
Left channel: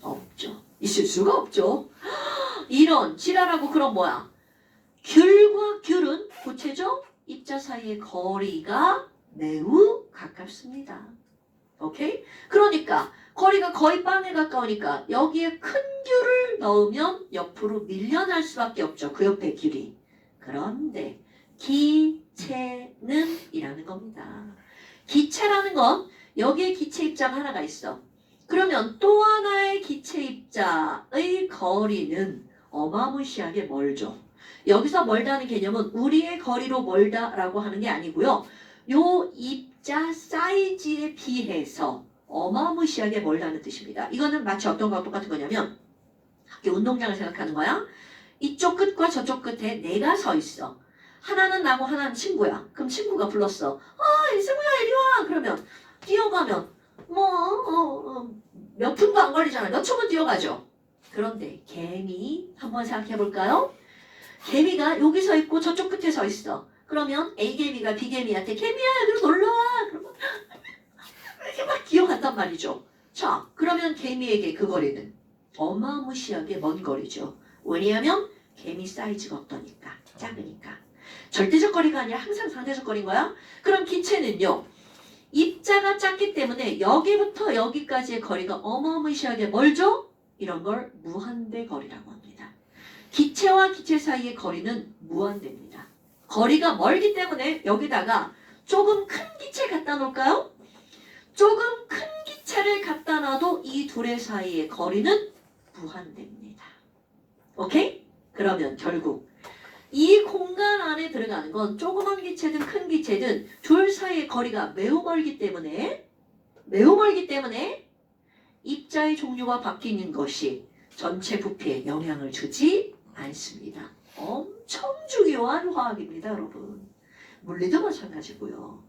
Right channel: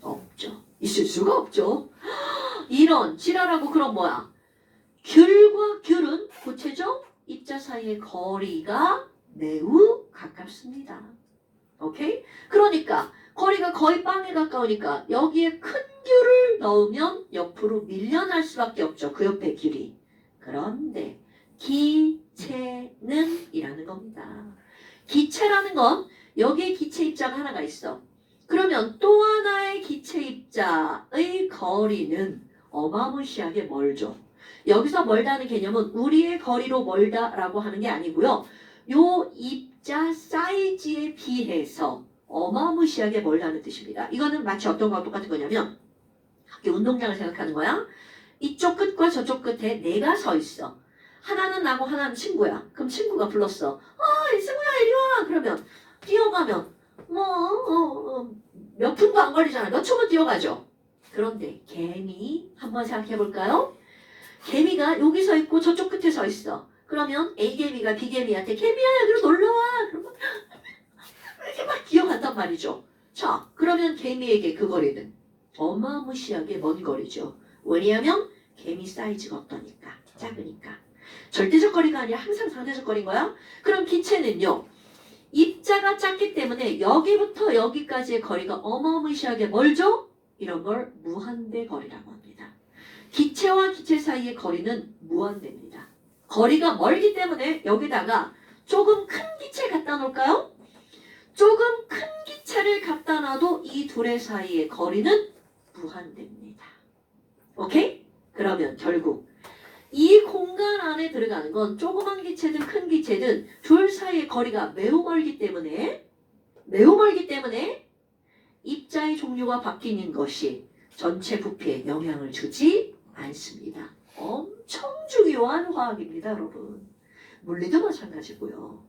없죠. 있을 수가 없죠. 이런 지랄하고 그럼 뭐야? 귤과 귤은 구체죠? 입자 사이의 거리가 매우 가깝습니다. 오케이? 그러니까 거리가 거의 빵에 가까우니까 여기에 큰 귤을 넣으면 옆으로 밀려날 수밖에 없죠. 그 옆에 귤이. 그런데 기체는 이라는 겁니다. 기체라는 건 여기에 기체 입자가 하나가 있어. 그러면 또 하나의 기체 입자의 거리는 어마무시하게 멀죠. 여기서 멀다는 개념은 우리의 거리로 멀다라고 하는 게 아니고요. 요 입자 사이즈에 비해서 어마무시하게 멀다는 뜻입니다. 이거는 마치 어떤 거와 똑같은 거냐면 학교 운동장을 생각하는 거야. 이쪽 끝과 저쪽 끝에 내가 서 있어. 하나는 나고 하나는 친구야. 그럼 친구가 불렀어. 이승우야 이리 와. 그러면 뛰어가면 몇 분도 안 걸리잖아요. 몇 초면 뛰어가죠. 그런데 개미 한번 생각해 볼까요? 개미가 여기 서 있고 저쪽 끝에 서 있어. 그러면 A개미가 B개미한테 개미야 여기로 놀러와. 그러면 이렇게 막 기어간단 말이죠. 자, 그러면 개미에게 그 거리는 어마무시하게 먼 거리죠. 왜냐하면 개미 사이즈가 없다니까. 작으니까. 절대적 거리가 아니라 항상 상대적 거리인 거야. 그럼 기체는요. 입자가 작기 때문에 여기부터 여기까지의 거리가 어마무시하게 멀죠? 이런 걸 무한대 거리라고 합니다. 기체와 기체 사이의 거리는 무한대입니다. 거리가 멀기 때문에 여기다가 조금 큰 기체 갖다 놓을까요? 조금 큰 기체를 갖다 놔도 이 둘의 사이의 거리는 무한대입니다. 오케이? 그러면 결국 이 공간 안에 들어가는 건 조그만 기체든 큰 기체든 둘 사이의 거리가 매우 멀기 때문에 입자의 종류가 바뀌는 것이 전체 부피에 영향을 주지 않습니다. 엄청 중요한 화학입니다, 여러분. 물리도 마찬가지고요.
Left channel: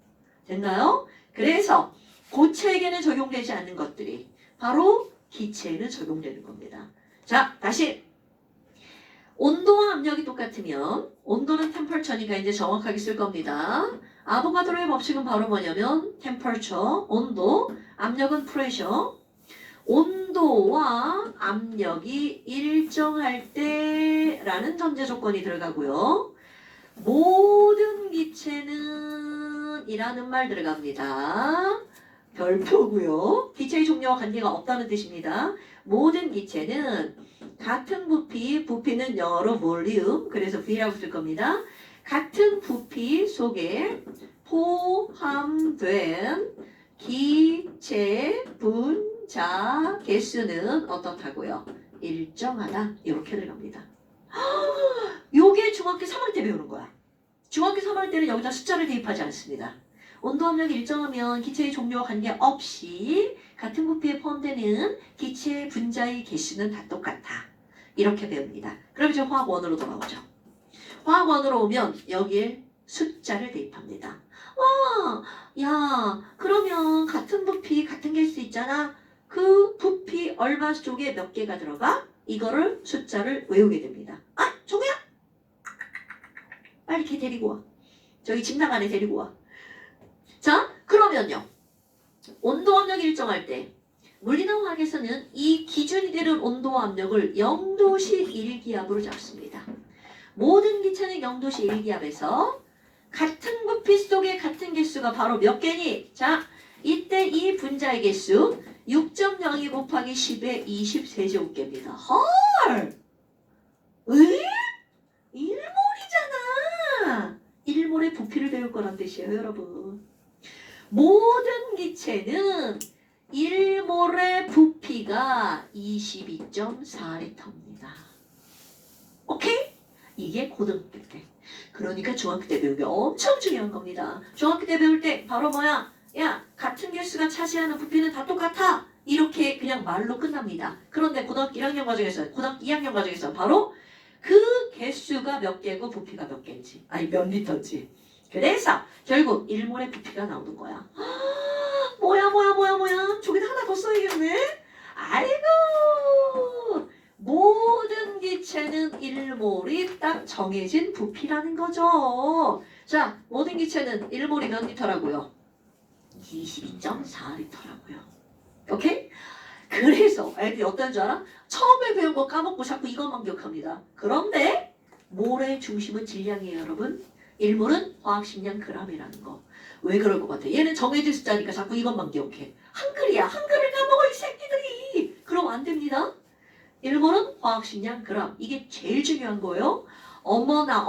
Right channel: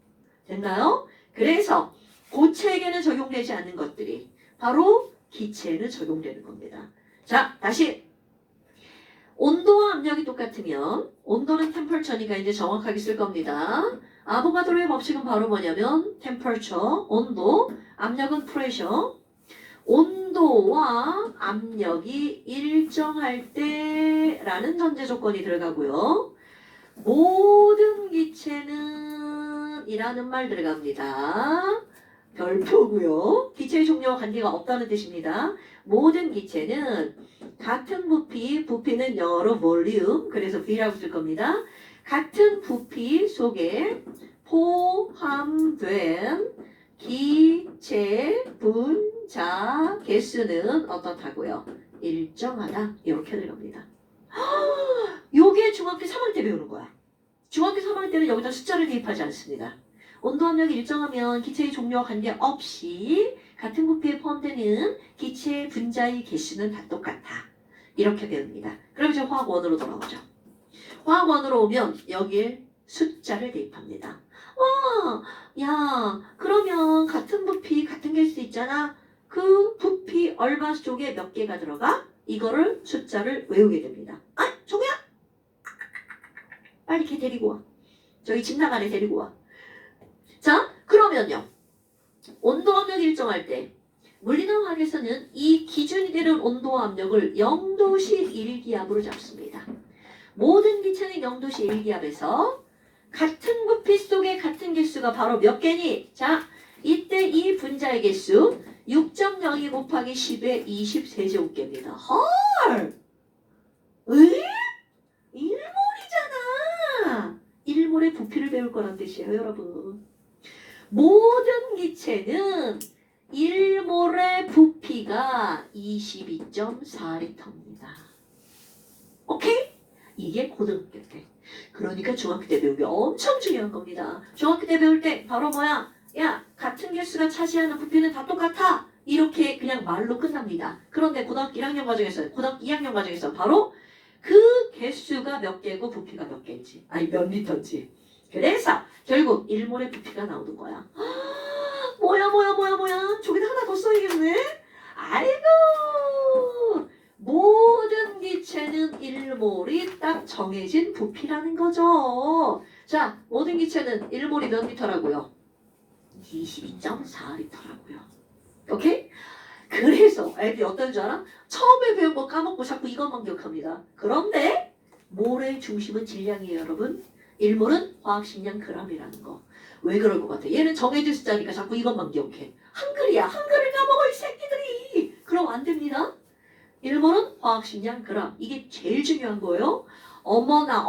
됐나요? 그래서 고체에게는 적용되지 않는 것들이 바로 기체에는 적용되는 겁니다. 자, 다시 온도와 압력이 똑같으면 온도는 템퍼처니까 이제 정확하게 쓸 겁니다. 아보가드로의 법칙은 바로 뭐냐면 템퍼처, 온도, 압력은 프레셔. 온도와 압력이 일정할 때라는 전제 조건이 들어가고요. 모든 기체는 이라는 말 들어갑니다. 별표고요. 기체의 종류와 관계가 없다는 뜻입니다. 모든 기체는 같은 부피는 영어로 볼륨, 그래서 V라고 쓸 겁니다. 같은 부피 속에 포함된 기체 분자 개수는 어떻다고요? 일정하다. 이렇게 들어갑니다. 요게 중학교 3학년 때 배우는 거야. 중학교 3학년 때는 여기다 숫자를 대입하지 않습니다. 온도 압력이 일정하면 기체의 종류와 관계없이 같은 부피에 포함되는 기체 분자의 개수는 다 똑같아. 이렇게 배웁니다. 그럼 이제 화학원으로 돌아오죠. 화학원으로 오면 여기에 숫자를 대입합니다. 와, 야, 그러면 같은 부피, 같은 개수 있잖아. 그 부피 얼마 쪽에 몇 개가 들어가? 이거를 숫자를 외우게 됩니다. 아, 종우야! 빨리 걔 데리고 와. 저기 침낭 안에 데리고 와. 자, 그러면요. 온도 압력이 일정할 때 물리나 화학에서는 이 기준이 되는 온도와 압력을 0도씨 1기압으로 잡습니다. 모든 기체는 0도씨 1기압에서 같은 부피 속에 같은 개수가 바로 몇 개니? 자, 이때 이 분자의 개수 6.02 곱하기 10의 23제곱개입니다. 헐! 왜? 1몰이잖아. 1몰의 부피를 배울 거란 뜻이에요, 여러분. 모든 기체는 1몰의 부피가 22.4리터입니다. 오케이? 이게 고등학교 때. 그러니까 중학교 때 배우기 엄청 중요한 겁니다. 중학교 때 배울 때 바로 뭐야? 야, 같은 개수가 차지하는 부피는 다 똑같아. 이렇게 그냥 말로 끝납니다. 그런데 고등학교 1학년 과정에서, 고등학교 2학년 과정에서 바로 그 개수가 몇 개고 부피가 몇 개인지, 아니 몇 리터인지. 그래서 결국 1몰의 부피가 나오는 거야. 뭐야. 저기다 하나 더 써야겠네. 아이고. 모든 기체는 1몰이 딱 정해진 부피라는 거죠. 자, 모든 기체는 1몰이 몇 리터라고요? 22.4리터라고요. 오케이? 그래서 애들이 어떤 줄 알아? 처음에 배운 거 까먹고 자꾸 이것만 기억합니다. 그런데 몰의 중심은 질량이에요, 여러분. 1몰은 화학식량 g이라는 거. 왜 그럴 것 같아? 얘는 정해진 숫자니까 자꾸 이것만 기억해. 한글이야. 한글을 까먹어 이 새끼들이. 그럼 안 됩니다. 1몰은 화학식량 g. 이게 제일 중요한 거예요. 어머나.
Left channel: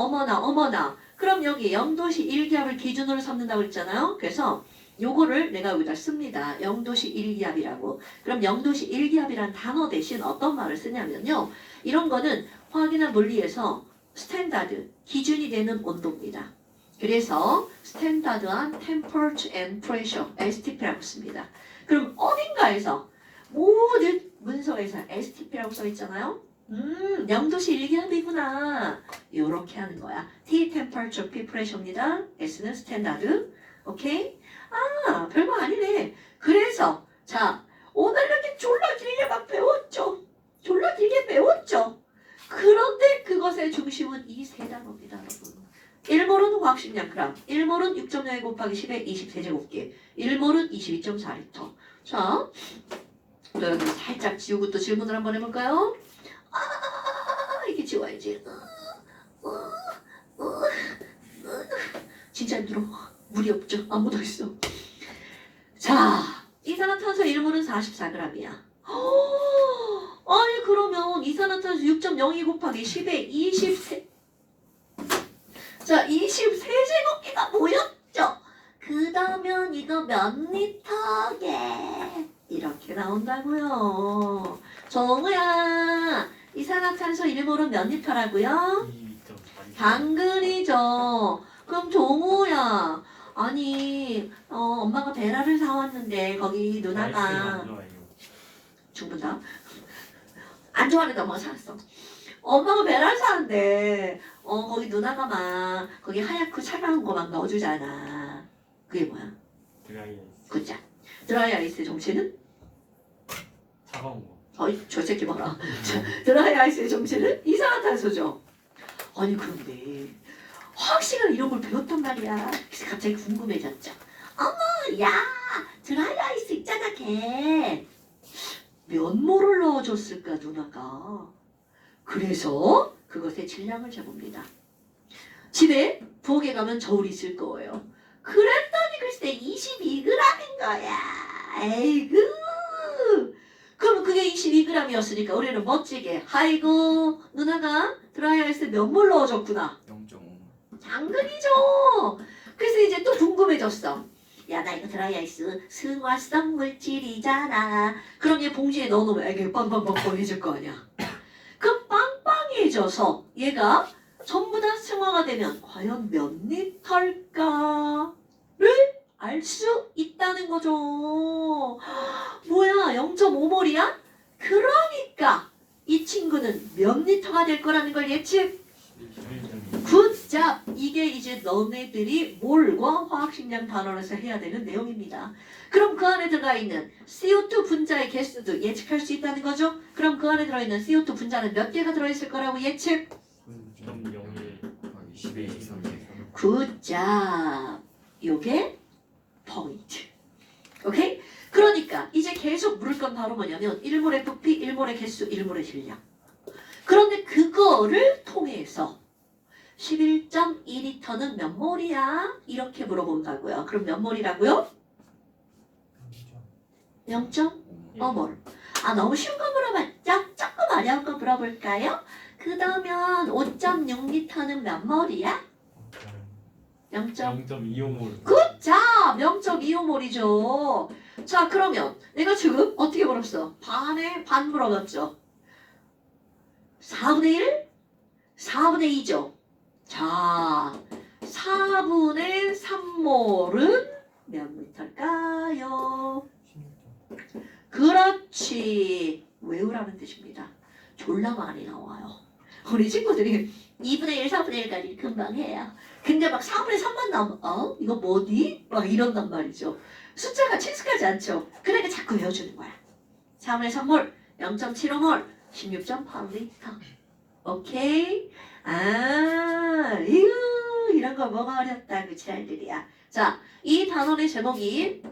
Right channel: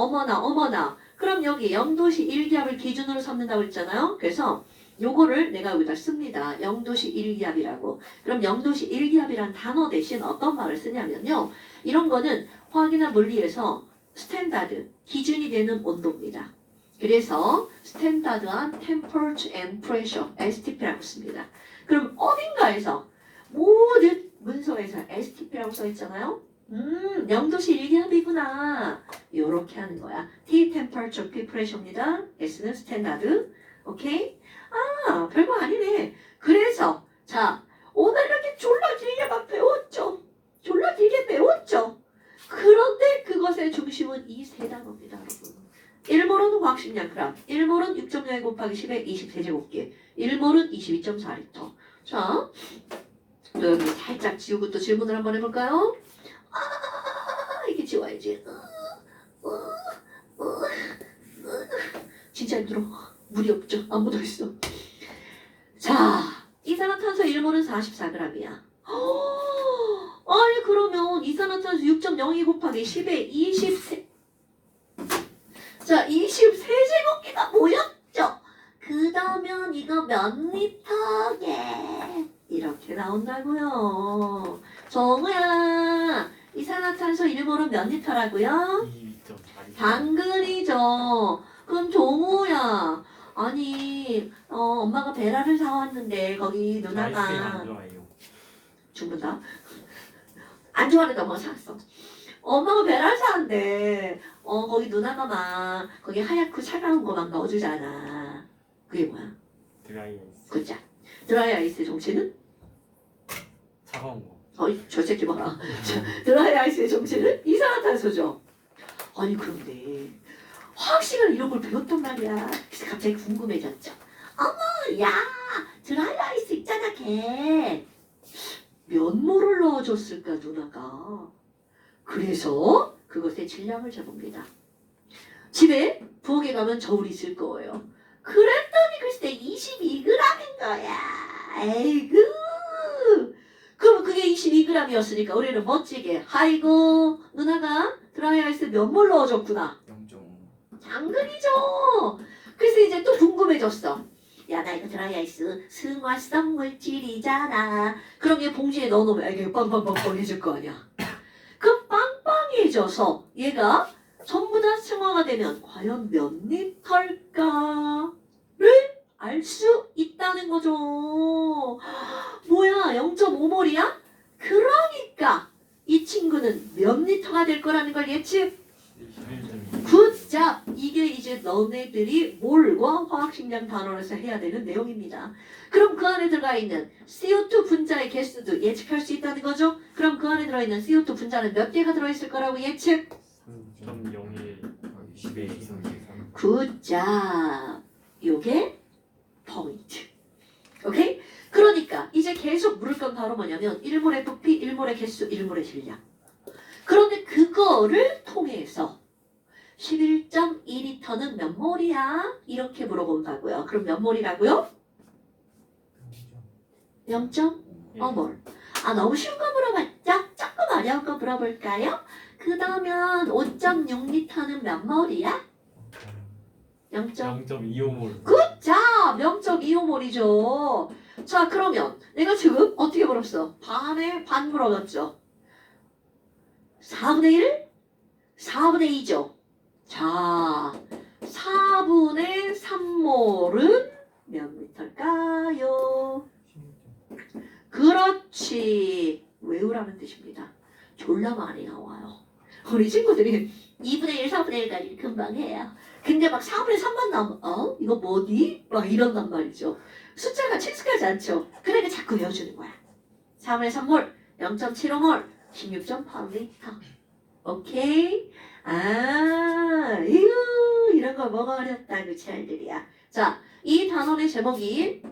그럼 여기 0도씨 1기압을 기준으로 삼는다고 했잖아요. 그래서 요거를 내가 여기다 씁니다. 0도씨 1기압이라고. 그럼 0도씨 1기압이란 단어 대신 어떤 말을 쓰냐면요. 이런 거는 화학이나 물리에서 스탠다드, 기준이 되는 온도입니다. 그래서 스탠다드한 temperature and pressure, STP라고 씁니다. 그럼 어딘가에서 모든 문서에서 STP라고 써 있잖아요. 0도씨 1기압이구나. 요렇게 하는 거야. T temperature, P pressure입니다. S는 스탠다드. 오케이? 아, 별거 아니네. 그래서 자, 오늘 이렇게 졸라 길게 막 배웠죠. 그런데 그것의 중심은 이 세 단어입니다, 여러분. 1몰은 화학식량 g, 1몰은 6.02 곱하기 10의 23제곱기, 1몰은 22.4리터. 자, 또 여기 살짝 지우고 또 질문을 한번 해볼까요? 이렇게 지워야지. 진짜 힘들어. 물이 없죠. 안 묻어있어. 자, 이산화탄소 1몰은 44g이야. 아이고 나온 이산화탄소 6.02 곱하기 10의 23. 자, 23제곱기가 모였죠? 그러면 이거 몇 리터게? 이렇게 나온다고요. 정우야, 이산화탄소 1몰은 몇 리터라고요? 2.4. 당근이죠. 그럼 종우야, 아니 엄마가 베라를 사왔는데 거기 누나가 안 좋아해요. 죽는다. 안 좋아하는 엄마가 사왔어. 엄마가 베라를 사왔는데 거기 누나가 막 거기 하얗고 차가운 거 막 넣어주잖아. 그게 뭐야? 드라이아이스. 굿자. 드라이 아이스 정체는? 차가운 거. 어이 저 새끼 봐라. 드라이 아이스의 정체는 이산화탄소죠. 아니 그런데 화학식을 이런 걸 배웠단 말이야. 그래서 갑자기 궁금해졌죠. 어머 야 드라이 아이스 있잖아 걔. 몇 몰을 넣어줬을까 누나가. 그래서 그것의 질량을 재봅니다. 집에 부엌에 가면 저울이 있을 거예요. 그랬더니 글쎄 22g인 거야. 에이구. 그럼 그게 22g이었으니까 우리는 멋지게 아이고 누나가 드라이아이스 몇 몰 넣어줬구나. 0.5. 당근이죠. 그래서 이제 또 궁금해졌어. 야 나 이거 드라이아이스 승화성 물질이잖아. 그럼 얘 봉지에 넣어놓으면 이게 빵빵빵 떨어질 거 아니야. 그 빵빵해져서 얘가 전부 다 승화가 되면 과연 몇 리터일까를 알 수 있다는 거죠. 뭐야 0.5몰이야? 그러니까 이 친구는 몇 리터가 될 거라는 걸 예측. 11.2. 굿자 이게 이제 너네들이 몰과 화학식량 단원에서 해야 되는 내용입니다. 그럼 그 안에 들어가 있는 CO2 분자의 개수도 예측할 수 있다는 거죠. 그럼 그 안에 들어있는 CO2 분자는 몇 개가 들어있을 거라고 예측. 0.01. 10의 23. 굿자 요게 포인트. 오케이? 그러니까 이제 계속 물을 건 바로 뭐냐면 1몰의 부피, 1몰의 개수, 1몰의 질량. 그런데 그거를 통해서 11.2리터는 몇 몰이야? 이렇게 물어본다고요. 그럼 몇 몰이라고요? 0.5몰. 아 너무 쉬운 거 물어봤죠? 조금 어려운 거 물어볼까요? 그러면 5.6리터는 몇 몰이야? 0. 0.25몰. 굿자 0.25몰이죠. 자 그러면 내가 지금 어떻게 물었어? 반에 반 물어봤죠. 4분의 1? 4분의 2죠. 자 4분의 3몰은 몇 리터일까요? 그렇지. 외우라는 뜻입니다. 졸라 많이 나와요. 우리 친구들이 2분의 1, 4분의 1까지 금방 해요. 근데 막 4분의 3만 나오면 이거 뭐니? 막 이런단 말이죠. 숫자가 친숙하지 않죠. 그러니까 자꾸 외워주는 거야. 4분의 3몰, 0.75몰, 16.8리터. 오케이? 이런 거 뭐가 어렵다 그 지랄들이야. 자, 이 단원의 제목이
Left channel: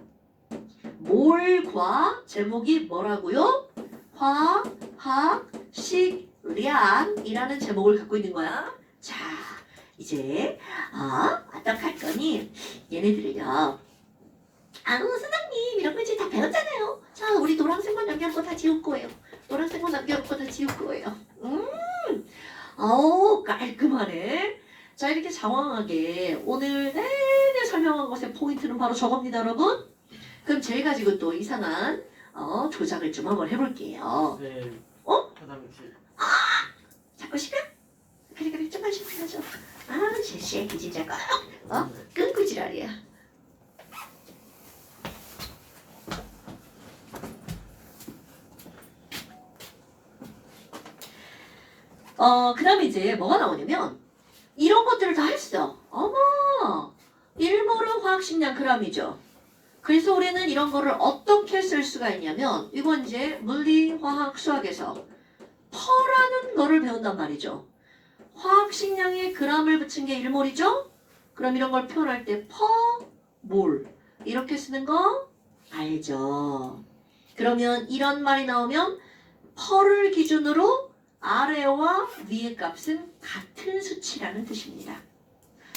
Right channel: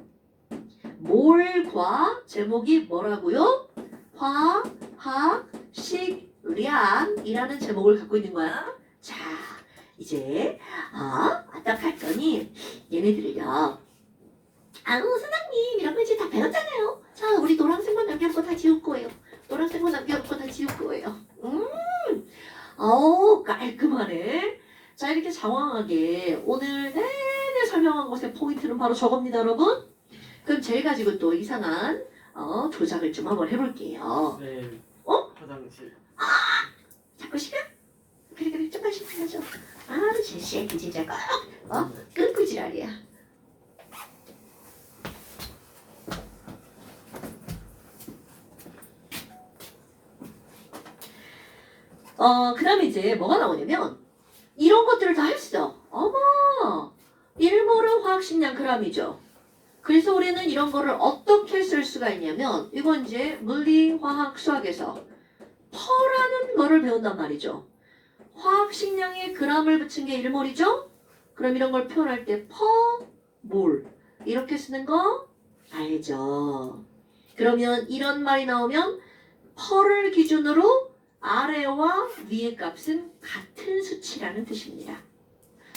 몰과 제목이 뭐라고요? 화학식량이라는 제목을 갖고 있는 거야. 자, 이제 어떡할 거니? 얘네들을요. 선생님 이런 거 이제 다 배웠잖아요. 자, 우리 노란색만 남겨놓고 다 지울 거예요. 노란색만 남겨놓고 다 지울 거예요. 깔끔하네. 자, 이렇게 장황하게 오늘 내내 설명한 것의 포인트는 바로 저겁니다, 여러분. 그럼 제가 가지고 또 이상한 조작을 좀 한번 해볼게요. 네. 어? 화장실. 자꾸 시간? 그래 좀만 시켜줘. 새끼 진짜 끊고 지랄이야. 그 다음에 이제 뭐가 나오냐면 이런 것들을 다 했어. 어머 1몰은 화학식량 g이죠. 그래서 우리는 이런 거를 어떻게 쓸 수가 있냐면 이건 이제 물리, 화학, 수학에서 퍼라는 거를 배운단 말이죠. 화학식량에 g을 붙인 게 1몰이죠. 그럼 이런 걸 표현할 때 퍼, 몰 이렇게 쓰는 거 알죠. 그러면 이런 말이 나오면 퍼를 기준으로 아래와 위의 값은 같은 수치라는 뜻입니다.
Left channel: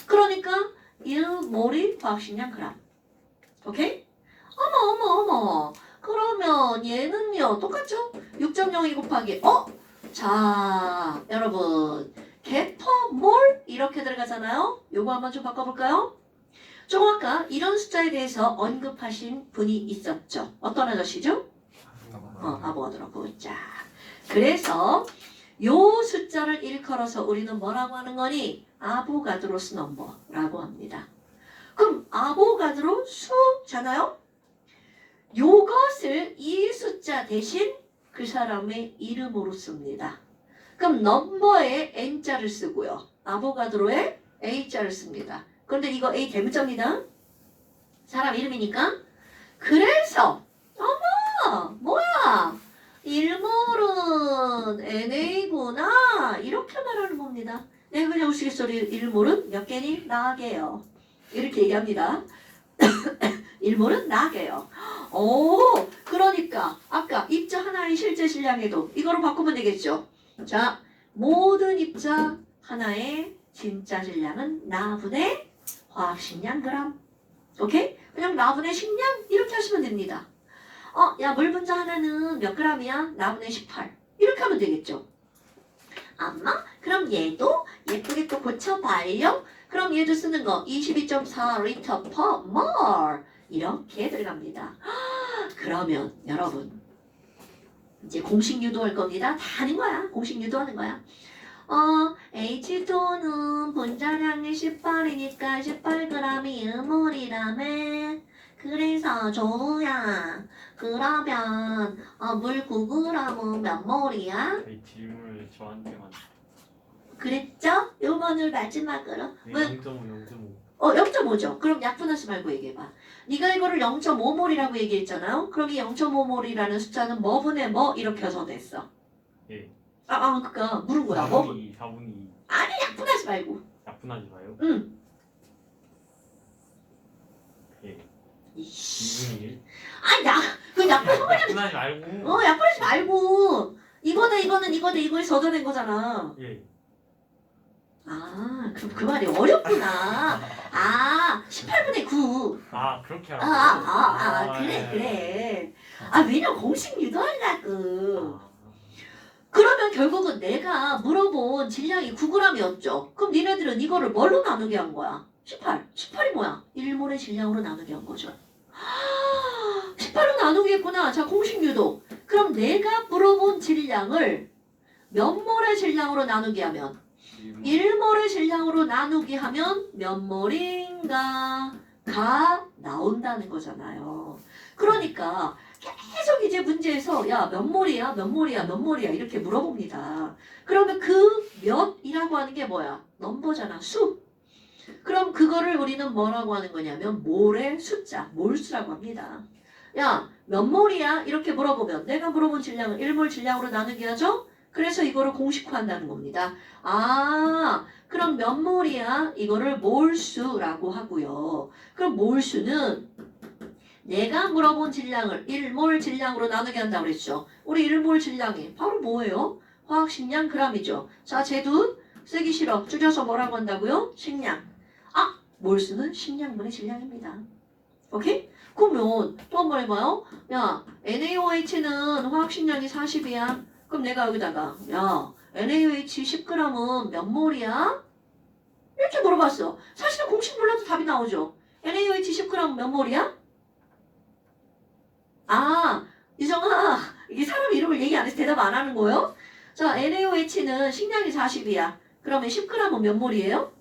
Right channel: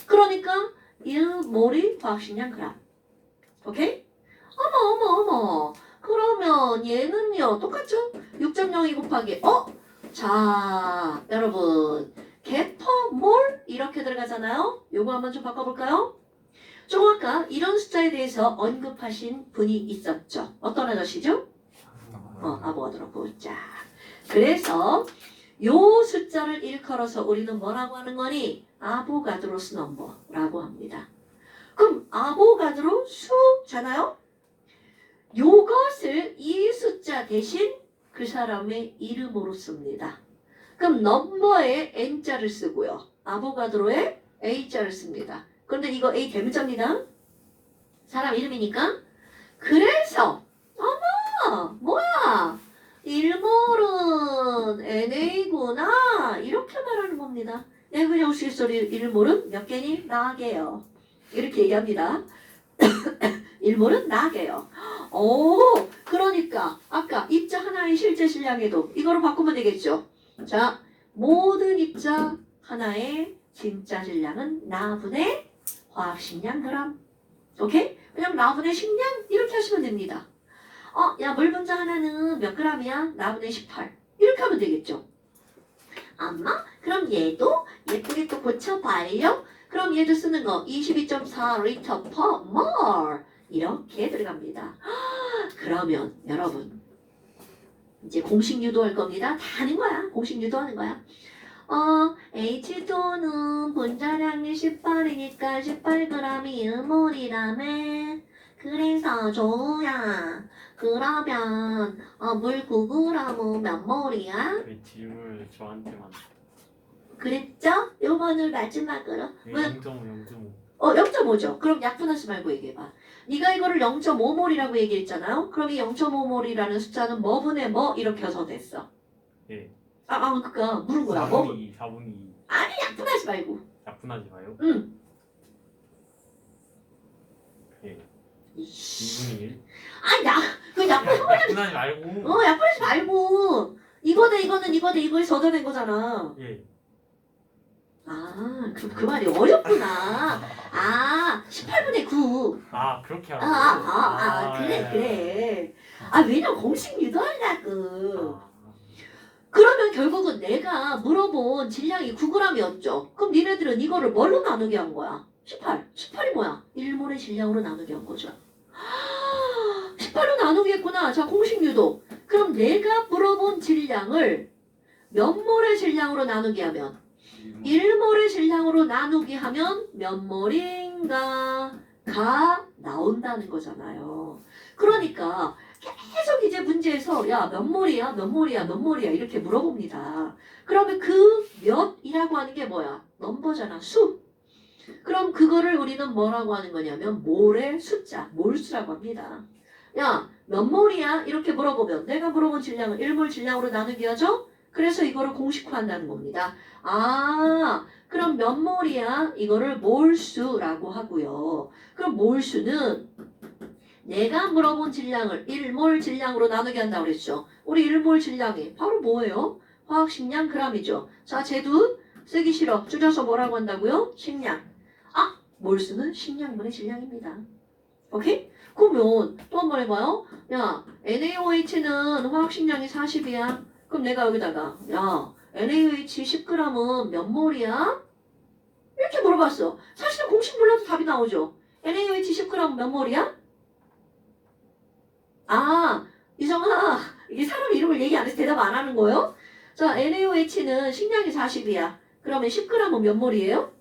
그러니까 1몰이 화학식량 g. 오케이? 어머. 그러면 얘는요 똑같죠? 6.02 곱하기 자, 여러분 개퍼몰 이렇게 들어가잖아요. 요거 한번 좀 바꿔볼까요? 좀 아까 이런 숫자에 대해서 언급하신 분이 있었죠. 어떤 아저씨죠? 아보가드로. 자, 그래서 요 숫자를 일컬어서 우리는 뭐라고 하는 거니? 아보가드로스 넘버라고 합니다. 그럼 아보가드로 수잖아요? 요것을 이 숫자 대신 그 사람의 이름으로 씁니다. 그럼 넘버에 n자를 쓰고요. 아보가드로에 a자를 씁니다. 그런데 이거 a 대문자입니다. 사람 이름이니까. 그래서 뭐야? 일몰은 NA구나 이렇게 말하는 겁니다. 네, 그냥 우스갯소리 일몰은 몇 개니? 4개요. 이렇게 얘기합니다. 일몰은 4개요. 오, 그러니까 아까 입자 하나의 실제 질량에도 이거로 바꾸면 되겠죠. 자, 모든 입자 하나의 진짜 질량은 나분의 화학식량 그람. 오케이? 그냥 나분의 식량 이렇게 하시면 됩니다. 야, 물 분자 하나는 몇 그램이야? 나분의 18. 이렇게 하면 되겠죠. 엄마, 그럼 얘도 예쁘게 또 고쳐봐요. 그럼 얘도 쓰는 거 22.4 리터 per mol 이렇게 들어갑니다. 그러면 여러분 이제 공식 유도할 겁니다. 다 하는 거야. 공식 유도하는 거야. H2는 분자량이 18이니까 18g이 음몰이라며. 그래서 조우야, 그러면 물 9g은 몇 몰이야? 이 질문을 저한테만. 그랬죠? 요번을 마지막으로. 네, 왜? 0.5. 0.5죠. 그럼 약분하지 말고 얘기해봐. 네가 이거를 0.5몰이라고 얘기했잖아요. 그럼 이 0.5몰이라는 숫자는 뭐분의 뭐 이렇게 해석됐어. 예. 그니까 물은 거야. 뭐? 4분의 2. 약분하지 말고. 약분하지 마요. 응. 예. 이씨. 2분의 1. 그 약분 약분하지 말고. 약분하지 말고. 이거는 이거에서 얻어낸 거잖아. 예. 그 말이 어렵구나. 18분의 9. 그렇게 하라고. 그래. 왜냐면 공식 유도하려고. 아, 그러면 결국은 내가 물어본 질량이 9g이었죠. 그럼 니네들은 이거를 뭘로 나누게 한 거야? 18. 18이 뭐야? 1몰의 질량으로 나누게 한 거죠. 18로 나누게 했구나. 자, 공식 유도. 그럼 내가 물어본 질량을 몇 몰의 질량으로 나누게 하면 1몰의 질량으로 나누기 하면 몇 몰인가 가 나온다는 거잖아요. 그러니까 계속 이제 문제에서 야, 몇 몰이야? 몇 몰이야? 몇 몰이야? 이렇게 물어봅니다. 그러면 그 몇이라고 하는 게 뭐야? 넘버잖아. 수. 그럼 그거를 우리는 뭐라고 하는 거냐면 몰의 숫자, 몰수라고 합니다. 야, 몇 몰이야? 이렇게 물어보면 내가 물어본 질량을 1몰 질량으로 나누게 하죠? 그래서 이거를 공식화한다는 겁니다. 그럼 몇 몰이야? 이거를 몰수라고 하고요. 그럼 몰수는 내가 물어본 질량을 1몰 질량으로 나누게 한다고 그랬죠. 우리 1몰 질량이 바로 뭐예요? 화학식량 그람이죠. 자, 쟤도 쓰기 싫어. 줄여서 뭐라고 한다고요? 식량. 몰수는 식량분의 질량입니다. 오케이? 그러면 또 한 번 해봐요. 야, NaOH는 화학식량이 40이야. 그럼 내가 여기다가 야, NaOH 10g은 몇 몰이야? 이렇게 물어봤어. 사실은 공식 몰라도 답이 나오죠. NaOH 10g 몇 몰이야? 유정아, 이게 사람 이름을 얘기 안 해서 대답 안 하는 거예요? 자, NaOH는 식량이 40이야. 그러면 10g은 몇 몰이에요?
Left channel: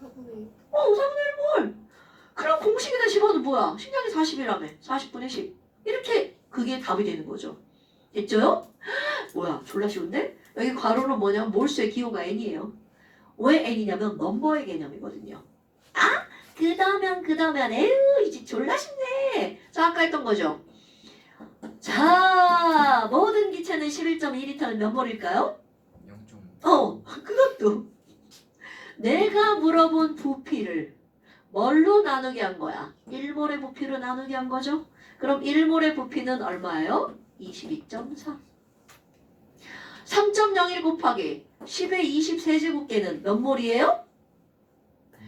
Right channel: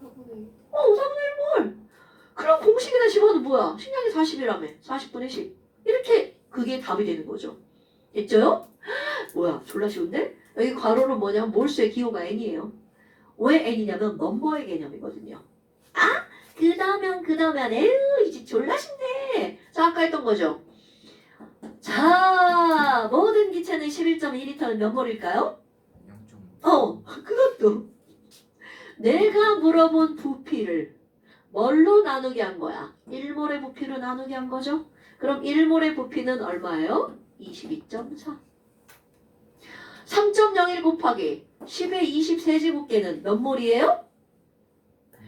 4분의 4분의 1몰. 그럼 공식에다 집어도 뭐야? 식량이 40이라며. 40분의 10. 이렇게 그게 답이 되는 거죠. 됐죠? 뭐야, 졸라 쉬운데? 여기 괄호로 뭐냐면 몰수의 기호가 n이에요. 왜 n이냐면 넘버의 개념이거든요. 그다음에 에휴, 이제 졸라 쉽네. 자, 아까 했던 거죠. 자, 모든 기체는 11.2리터는 몇 몰일까요? 0.5. 그것도 내가 물어본 부피를 뭘로 나누게 한 거야? 1몰의 부피로 나누게 한 거죠. 그럼 1몰의 부피는 얼마예요? 22.4. 3.01 곱하기 10의 23제곱계는 몇 몰이에요?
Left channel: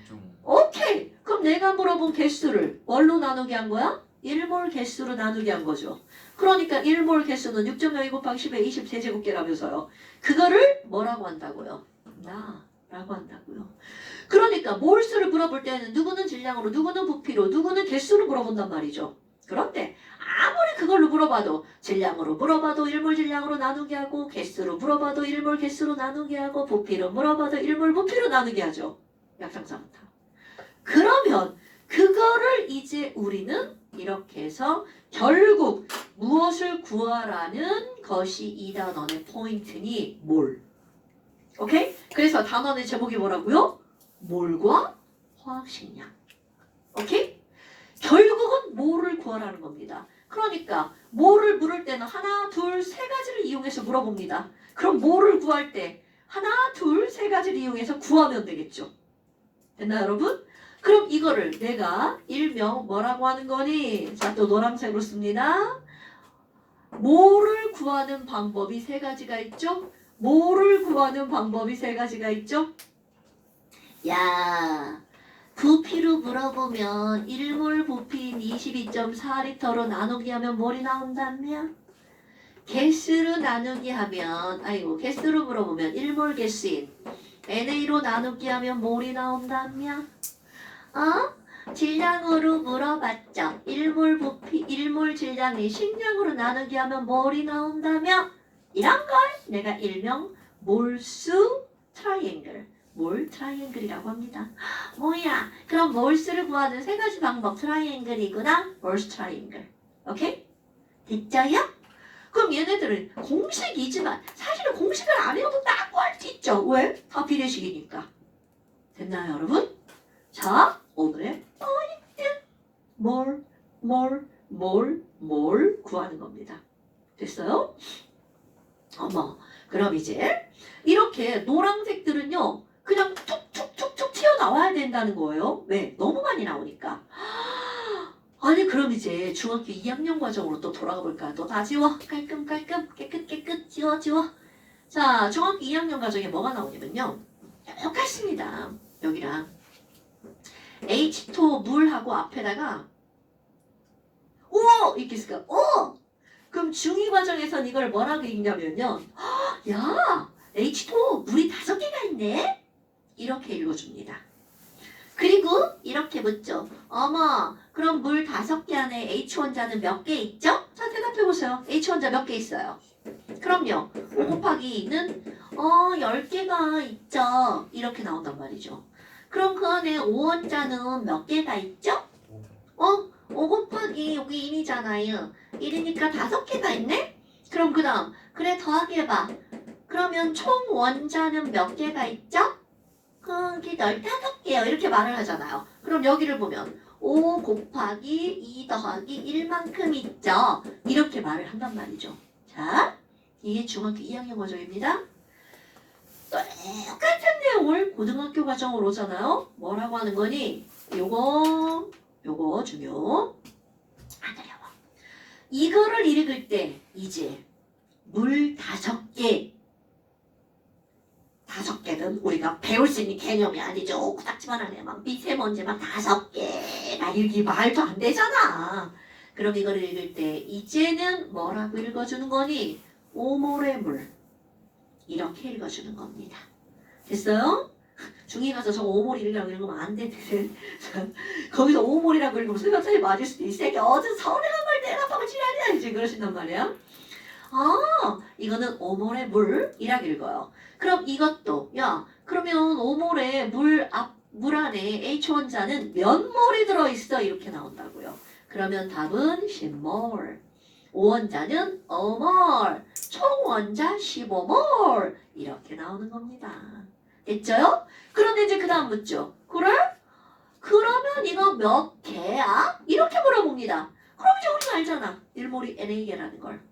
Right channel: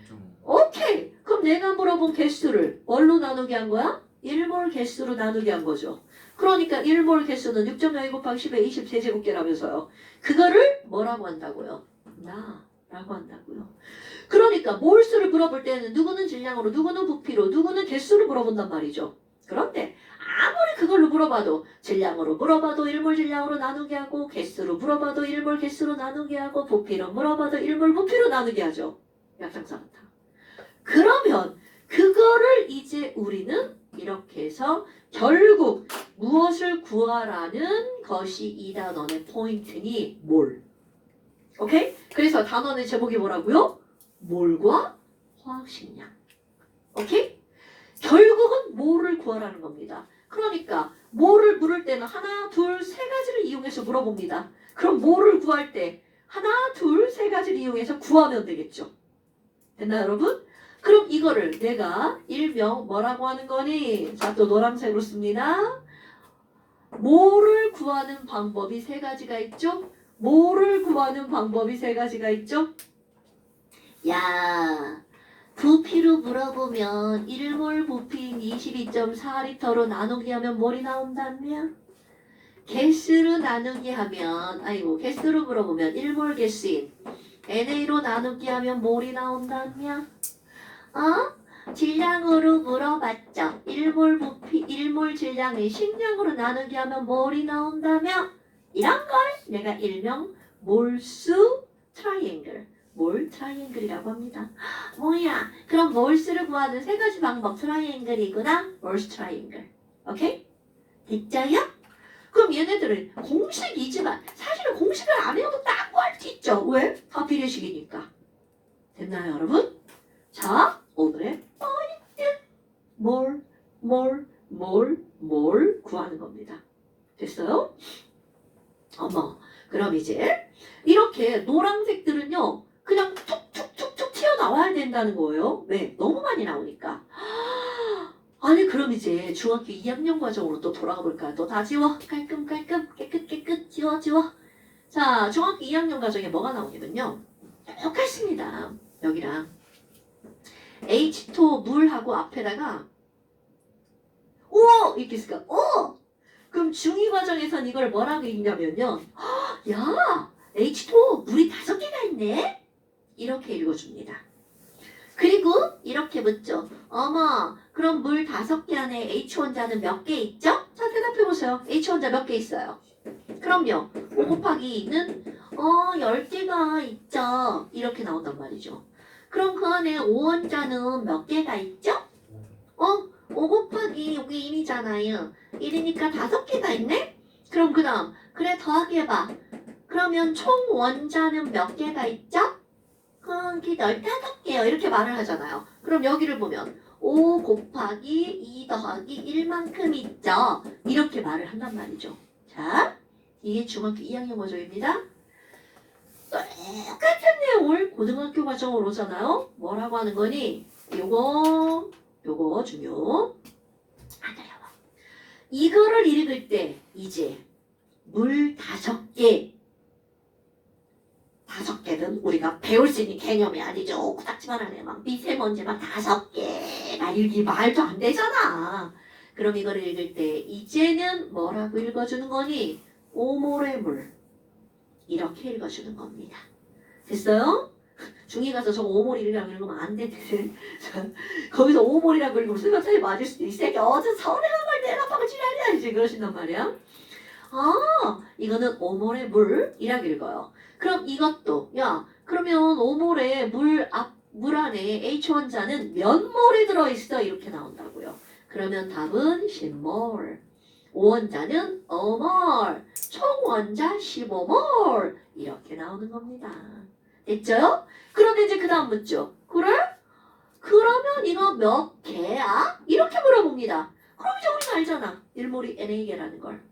0.5. 오케이. 그럼 내가 물어본 개수를 뭘로 나누게 한 거야? 1몰 개수로 나누게 한 거죠. 그러니까 1몰 개수는 6.02 곱하기 10의 23제곱계라면서요. 그거를 뭐라고 한다고요? 나라고 한다고요. 그러니까 몰수를 물어볼 때는 누구는 질량으로, 누구는 부피로, 누구는 개수로 물어본단 말이죠. 그런데 아무리 그걸로 물어봐도 질량으로 물어봐도 1몰 질량으로 나누게 하고 개수로 물어봐도 1몰 개수로 나누게 하고 부피로 물어봐도 1몰 부피로 나누게 하죠. 약상사부터. 그러면 그거를 이제 우리는 이렇게 해서 결국 무엇을 구하라는 것이 이 단원의 포인트니 몰. 오케이? 그래서 단원의 제목이 뭐라고요? 몰과 화학식량. 오케이? 결국은 몰을 구하라는 겁니다. 그러니까 몰을 물을 때는 하나, 둘, 세 가지를 이용해서 물어봅니다. 그럼 몰을 구할 때 하나, 둘, 세 가지를 이용해서 구하면 되겠죠. 됐나요, 여러분? 그럼 이거를 내가 일명 뭐라고 하는 거니? 자, 또 노란색으로 씁니다. 몰을 구하는 방법이 세 가지가 있죠? 몰을 구하는 방법이 세 가지가 있죠? 야, 부피로 물어보면 1몰 부피인 22.4리터로 나누기 하면 뭘이 나온다며? 개수로 나누기 하면, 개수로 물어보면 1몰 개수인 NA로 나누기 하면 뭘이 나온다며? 질량으로 물어봤죠. 1몰 부피, 1몰 질량이 식량으로 나누기 하면 뭘이 나온다며? 이런 걸 내가 일명 몰수 트라이앵글, 몰 트라이앵글이라고 합니다. 뭐야? 그럼 몰수를 구하는 세 가지 방법 트라이앵글이구나. 몰수 트라이앵글. 오케이? 됐죠요? 그럼 얘네들은 공식이지만 사실은 공식을 안 외워도 딱 구할 수 있죠. 왜? 다 비례식이니까. 됐나요, 여러분? 자, 오늘의 포인트. 몰 구하는 겁니다. 됐어요? 어머, 그럼 이제 이렇게 노란색들은요, 그냥 툭툭툭툭 튀어나와야 된다는 거예요. 왜? 너무 많이 나오니까. 아니, 그럼 이제 중학교 2학년 과정으로 또 돌아가 볼까요? 또 다 지워. 깔끔깔끔, 깨끗깨끗, 지워. 자, 중학교 2학년 과정에 뭐가 나오냐면요. 똑같습니다. 여기랑 H2O 물하고 앞에다가 O! 이렇게 있을까? O! 그럼 중2 과정에선 이걸 뭐라고 읽냐면요. 야, H2O 물이 5개가 있네? 이렇게 읽어줍니다. 그리고 이렇게 묻죠. 어머, 그럼 물 5개 안에 H 원자는 몇 개 있죠? 자, 대답해보세요. H원자 몇 개 있어요? 그럼요. 5 곱하기 2는 10개가 있죠. 이렇게 나온단 말이죠. 그럼 그 안에 5원자는 몇 개가 있죠? 5 곱하기 여기 1이잖아요. 1이니까 5개가 있네? 그럼 그 다음 그래 더하기 해봐. 그러면 총 원자는 몇 개가 있죠? 거기 15개요. 이렇게 말을 하잖아요. 그럼 여기를 보면 5 곱하기 2 더하기 1만큼 있죠. 이렇게 말을 한단 말이죠. 자, 이게 중학교 2학년 과정입니다. 똑같은 내용을 고등학교 과정으로 오잖아요. 뭐라고 하는 거니? 요거 중요. 안 어려워. 이거를 읽을 때 이제 물 5개 5개는 우리가 배울 수 있는 개념이 아니죠. 코딱지만한 애만 미세먼지만 5개 막 읽기 말도 안 되잖아. 그럼 이거를 읽을 때 이제는 뭐라고 읽어주는 거니? 5몰의 물 이렇게 읽어주는 겁니다. 됐어요? 중2 가서 저 5몰이라고 읽으면 안 되거든. 거기서 5몰이라고 읽으면 수면차이 맞을 수도 있어. 새끼 어제 서운한 걸 대답하고 지랄이야 이제 그러신단 말이야. 이거는 5몰의 물이라고 읽어요. 그럼 이것도 야 그러면 5몰의 물 안에 H원자는 몇 몰이 들어있어? 이렇게 나온다고요. 그러면 답은 10몰. 5원자는 5몰. 총원자 15몰. 이렇게 나오는 겁니다. 됐죠? 그런데 이제 그 다음 묻죠. 그래? 그러면 이거 몇 개야? 이렇게 물어봅니다. 그럼 이제 우리가 알잖아. 1몰이 Na개라는 걸.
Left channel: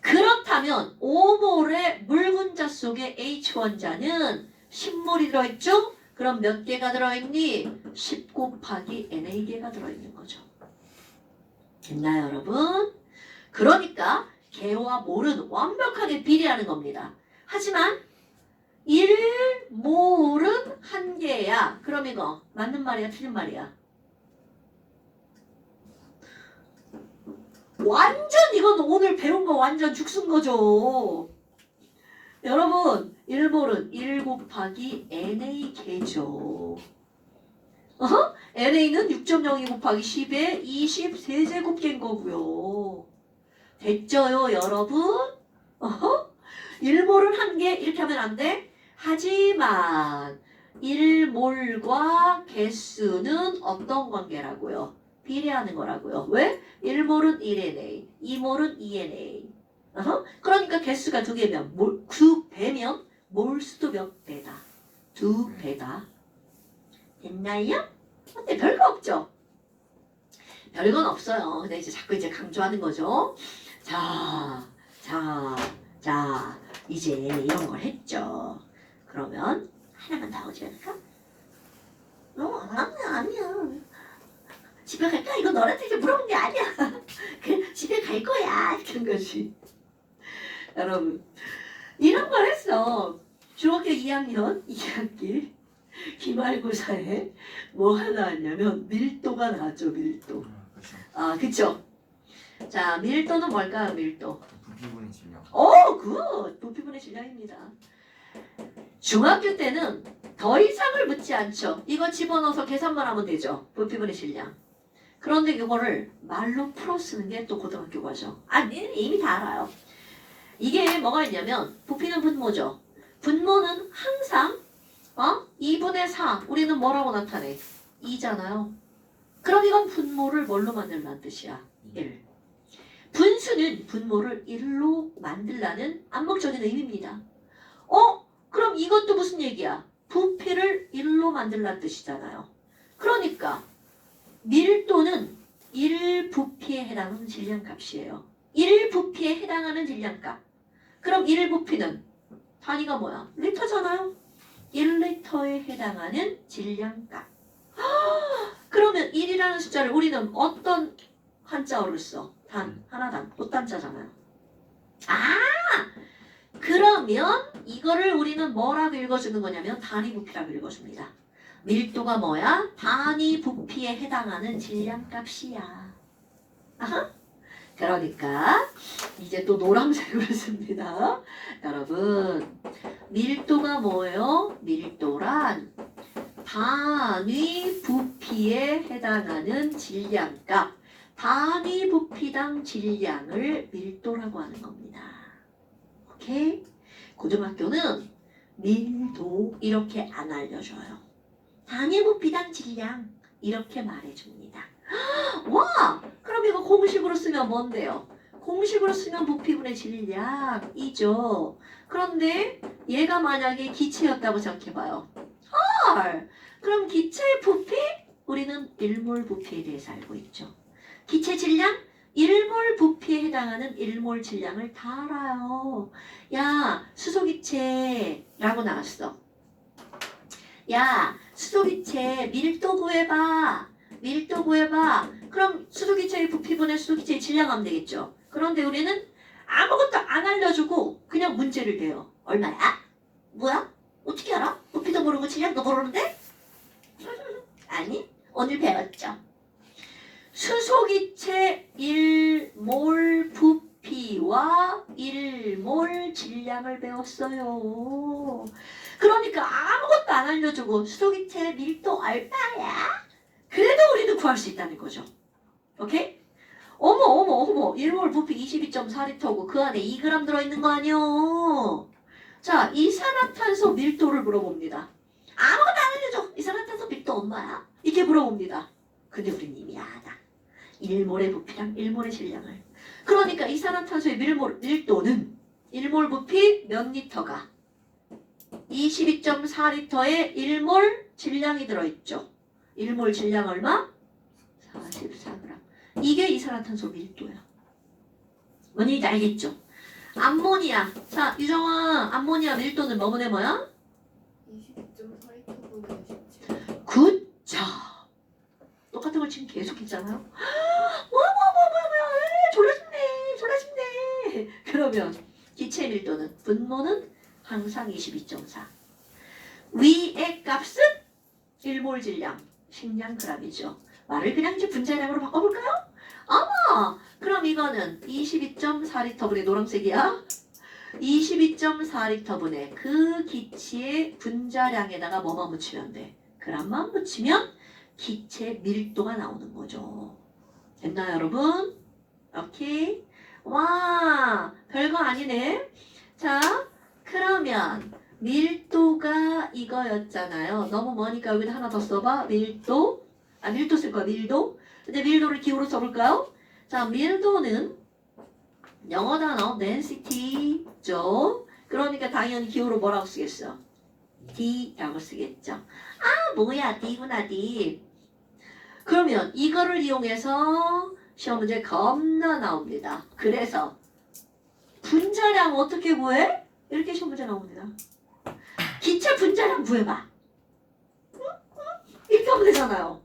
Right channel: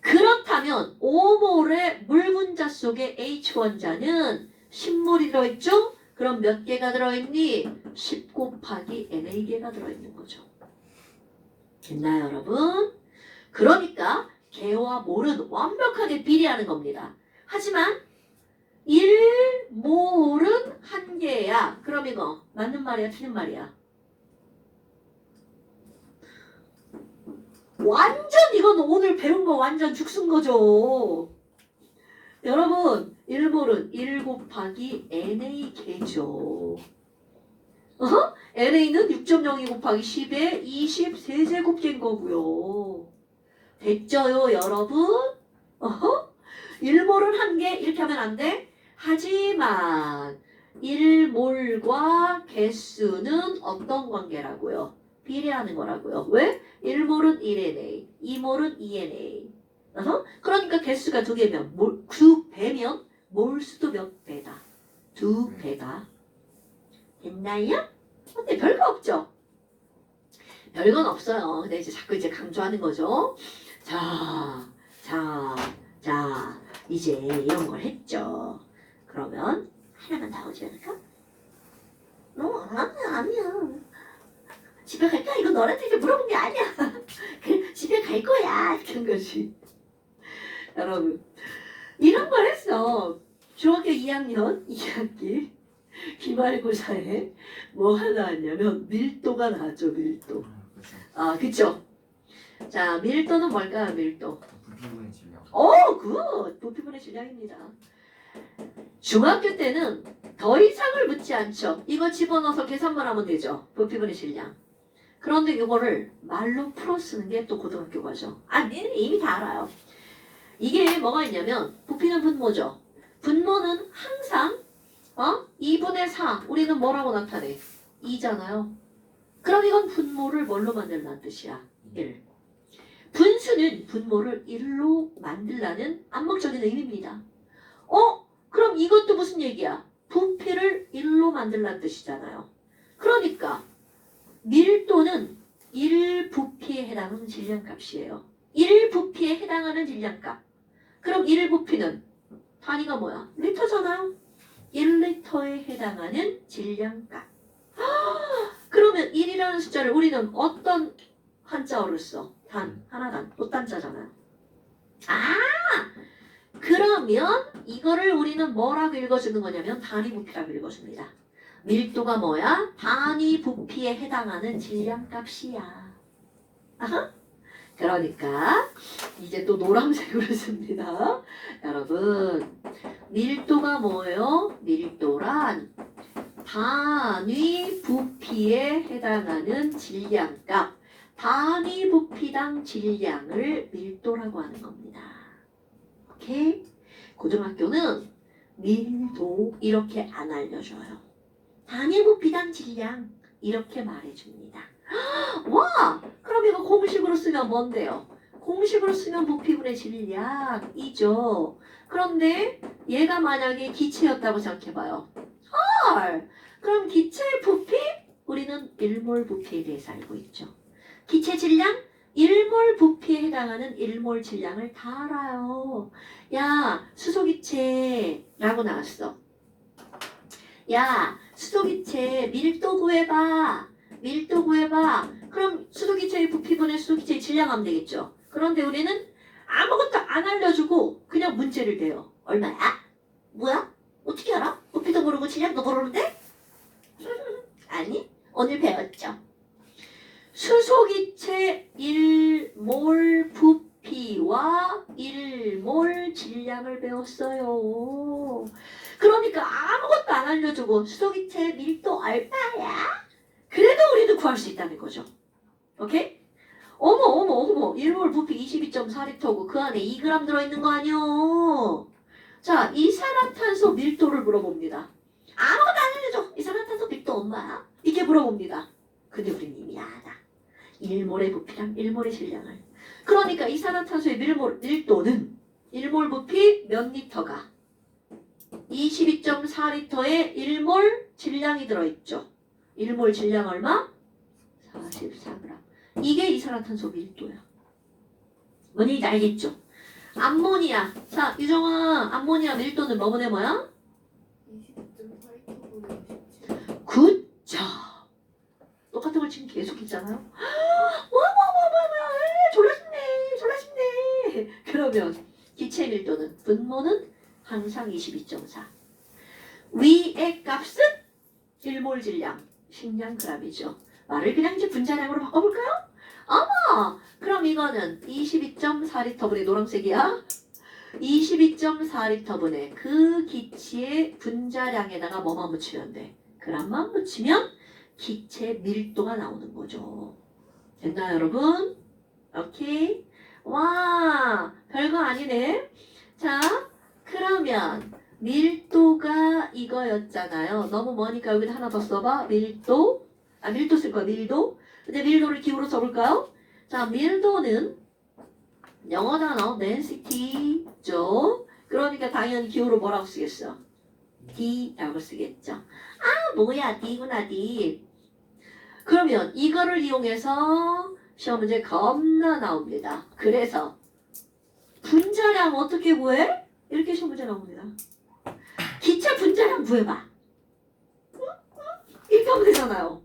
그렇다면 5몰의 물 분자 속에 H원자는 10몰이 들어있죠? 그럼 몇 개가 들어있니? 10 곱하기 Na개가 들어있는 거죠. 됐나요, 여러분? 그러니까 개와 몰은 완벽하게 비례하는 겁니다. 하지만 1몰은 1개야. 그럼 이거 맞는 말이야, 틀린 말이야? 완전 이건 오늘 배운 거 완전 죽순 거죠. 여러분 1몰은 1 곱하기 NA 개죠. NA는 6.02 곱하기 10의 23제곱개인 거고요. 됐죠요 여러분? 1몰은 한 개 이렇게 하면 안 돼? 하지만 1몰과 개수는 어떤 관계라고요? 비례하는 거라고요. 왜? 1몰은 1NA, 2몰은 2NA. 그러니까 개수가 2개면 2배면 몰수도 몇 배다? 2배다. 됐나요? 근데 별거 없죠? 별건 없어요. 근데 이제 자꾸 이제 강조하는 거죠. 자, 이제 이런 걸 했죠. 그러면 하나만 더 오지 않을까? 아니야. 집에 갈까? 이거 너한테 이제 물어본 게 아니야. 그 집에 갈 거야. 그런 거지. 여러분, 이런 걸 했어. 중학교 2학년 2학기 기말고사에 뭐 하나 왔냐면 밀도가 나왔죠. 밀도. 그렇죠. 아, 그쵸? 자, 밀도는 뭘까요? 밀도. 부피분의 질량. 굿! 부피분의 질량입니다. 중학교 때는 더 이상을 묻지 않죠. 이거 집어넣어서 계산만 하면 되죠. 부피분의 질량. 그런데 이거를 말로 풀어 쓰는 게 또 고등학교 과정. 니는 이미 다 알아요. 이게 뭐가 있냐면 부피는 분모죠. 분모는 항상 2분의 4 우리는 뭐라고 나타내? 2잖아요. 그럼 이건 분모를 뭘로 만들라는 뜻이야? 1. 분수는 분모를 1로 만들라는 암묵적인 의미입니다. 그럼 이것도 무슨 얘기야? 부피를 1로 만들라는 뜻이잖아요. 그러니까 밀도는 1부피에 해당하는 질량값이에요. 1부피에 해당하는 질량값. 그럼 1부피는 단위가 뭐야? 리터잖아요. 1리터에 해당하는 질량값. 그러면 1이라는 숫자를 우리는 어떤 한자어를 써? 하나단, 꽃단자잖아요. 그러면 이거를 우리는 뭐라고 읽어주는 거냐면 단위 부피라고 읽어줍니다. 밀도가 뭐야? 단위 부피에 해당하는 질량값이야. 그러니까 이제 또 노란색으로 씁니다. 여러분, 밀도가 뭐예요? 밀도란 단위 부피에 해당하는 질량값, 단위 부피당 질량을 밀도라고 하는 겁니다. 오케이? 고등학교는 밀도 이렇게 안 알려줘요. 단위 부피당 질량 이렇게 말해줍니다. 와! 그럼 이거 공식으로 쓰면 뭔데요? 공식으로 쓰면 부피분의 질량이죠. 그런데 얘가 만약에 기체였다고 생각해봐요. 그럼 기체의 부피? 우리는 1몰 부피에 대해서 알고 있죠. 기체 질량? 1몰 부피에 해당하는 1몰 질량을 다 알아요. 야, 수소기체라고 나왔어. 야, 수소기체 밀도 구해봐. 밀도 구해봐. 그럼 수소기체의 부피분의 수소기체의 질량 하면 되겠죠. 그런데 우리는 아무것도 안 알려주고 그냥 문제를 내요. 얼마야? 뭐야? 어떻게 알아? 부피도 모르고 질량도 모르는데? 아니, 오늘 배웠죠. 수소기체 1몰 부피와 1몰 질량을 배웠어요. 그러니까 아무것도 안 알려주고 수소기체 밀도 얼마야? 그래도 우리는 구할 수 있다는 거죠. 오케이? 어머 1몰 부피 22.4리터고 그 안에 2g 들어있는 거 아니요? 자, 이산화탄소 밀도를 물어봅니다. 아무것도 안 알려줘. 이산화탄소 밀도 얼마야? 이렇게 물어봅니다. 근데 우리는 이미 알아. 1몰의 부피랑 1몰의 질량을. 그러니까 이산화탄소의 밀도는 1몰 부피 몇 리터가? 22.4리터에 1몰 질량이 들어있죠. 1몰 질량 얼마? 44g. 이게 이산화탄소 밀도야. 뭔지 알겠죠? 암모니아. 자, 유정아, 암모니아 밀도는 뭐분의 뭐야? 20.4리터분의 17. 굿자. 똑같은 걸 지금 계속 했잖아요. 졸라쉽네. 그러면 기체 밀도는 분모는 항상 22.4. 위의 값은 1몰 질량, 10량 g이죠. 말을 그냥 이제 분자량으로 바꿔볼까요? 그럼 이거는 22.4리터분의 노란색이야. 22.4리터분의 그 기체의 분자량에다가 뭐만 묻히면 돼? 그람만 묻히면 기체 밀도가 나오는 거죠. 됐나요, 여러분? 오케이. 와, 별거 아니네. 자, 그러면 밀도가 이거였잖아요. 너무 머니까 여기다 하나 더 써봐. 밀도. 밀도 쓸 거야, 밀도. 근데 밀도를 기호로 써볼까요? 자, 밀도는 영어 단어 density죠. 그러니까 당연히 기호로 뭐라고 쓰겠어? D라고 쓰겠죠. 아, 뭐야, D구나, D. 그러면 이거를 이용해서 시험 문제 겁나 나옵니다. 그래서 분자량 어떻게 구해? 이렇게 시험 문제 나옵니다. 기체 분자량 구해봐. 이렇게 하면 되잖아요.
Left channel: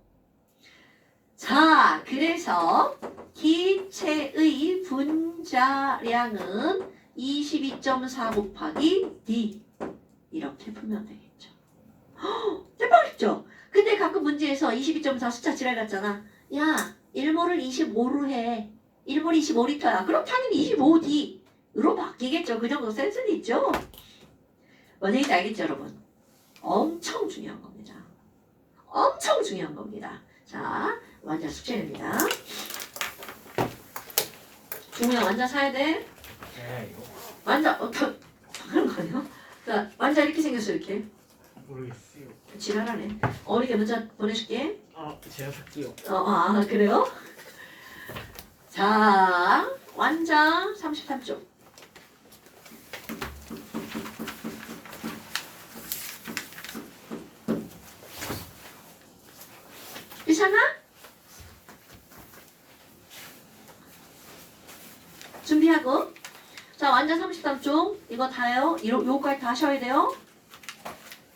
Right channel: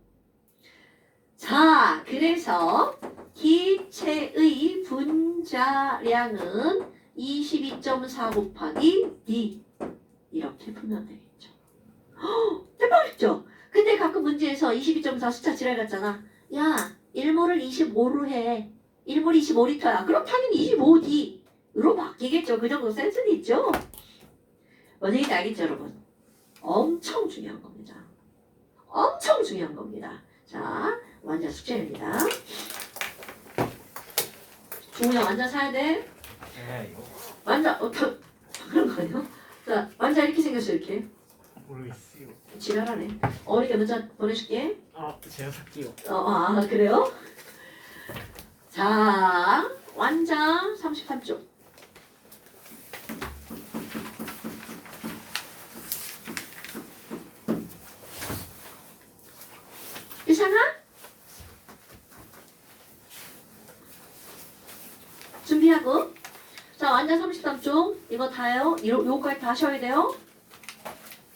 자, 그래서 기체의 분자량은 22.4 곱하기 D 이렇게 풀면 되겠죠. 대박이죠? 근데 가끔 문제에서 22.4 숫자 지랄 같잖아. 야, 1몰을 25로 해. 1몰이 25리터야. 그럼 당연히 25D로 바뀌겠죠. 그 정도 센스는 있죠. 뭔 얘기인지 알겠죠, 여러분? 엄청 중요한 겁니다. 엄청 중요한 겁니다. 자, 완자 숙제입니다. 중우야, 완자 사야 돼. 제가요? 완자, 그런 거 아니야? 자, 완자 이렇게 생겼어, 이렇게. 모르겠어요. 지랄하네. 어리게 문자 보내줄게. 제가 살게요. 그래요? 자, 완장 33쪽. 이상아? 준비하고. 자, 완장 33쪽. 이거 다요. 요거까지 다 하셔야 돼요.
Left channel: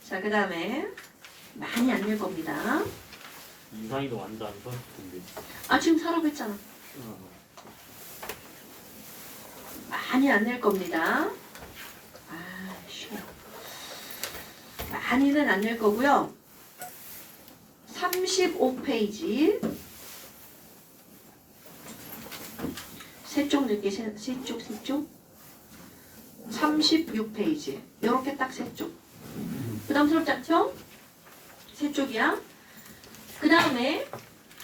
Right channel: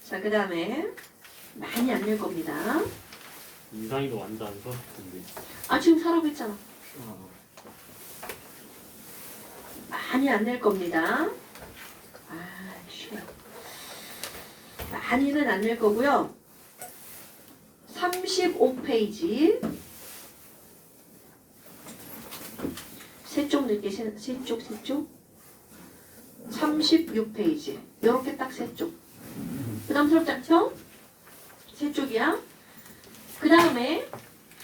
자, 그 다음에 많이 안 낼 겁니다. 이상이도 완전 안 썼는데. 지금 사라고 했잖아. 많이 안 낼 겁니다. 쉬워. 많이는 안 낼 거고요. 35페이지. 세 쪽 넣을게. 세 쪽. 36페이지. 요렇게 딱 세 쪽. 부담스럽지 않죠? 세 쪽이야. 그 다음에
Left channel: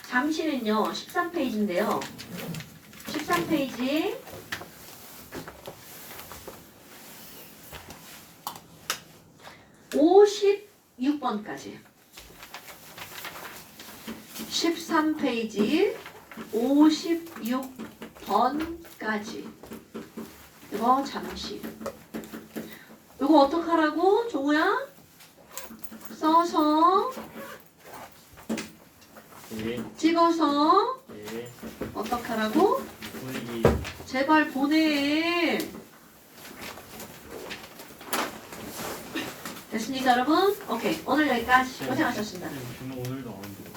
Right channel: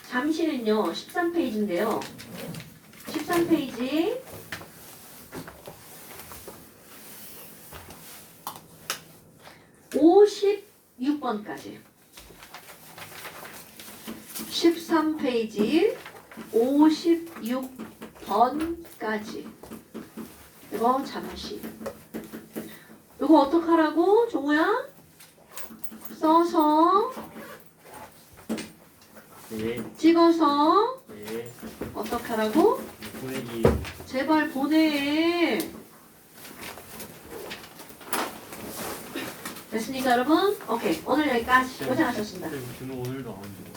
잠시는요. 13페이지인데요. 13페이지 56번까지 13페이지 56번까지 이거 잠시 이거 어떡하라고? 종우야? 써서 예. 찍어서 예. 어떡하라고? 보내기. 제발 보내. 됐습니까 여러분? 오케이 오늘 여기까지 고생하셨습니다. 저는 오늘도 안 한대요.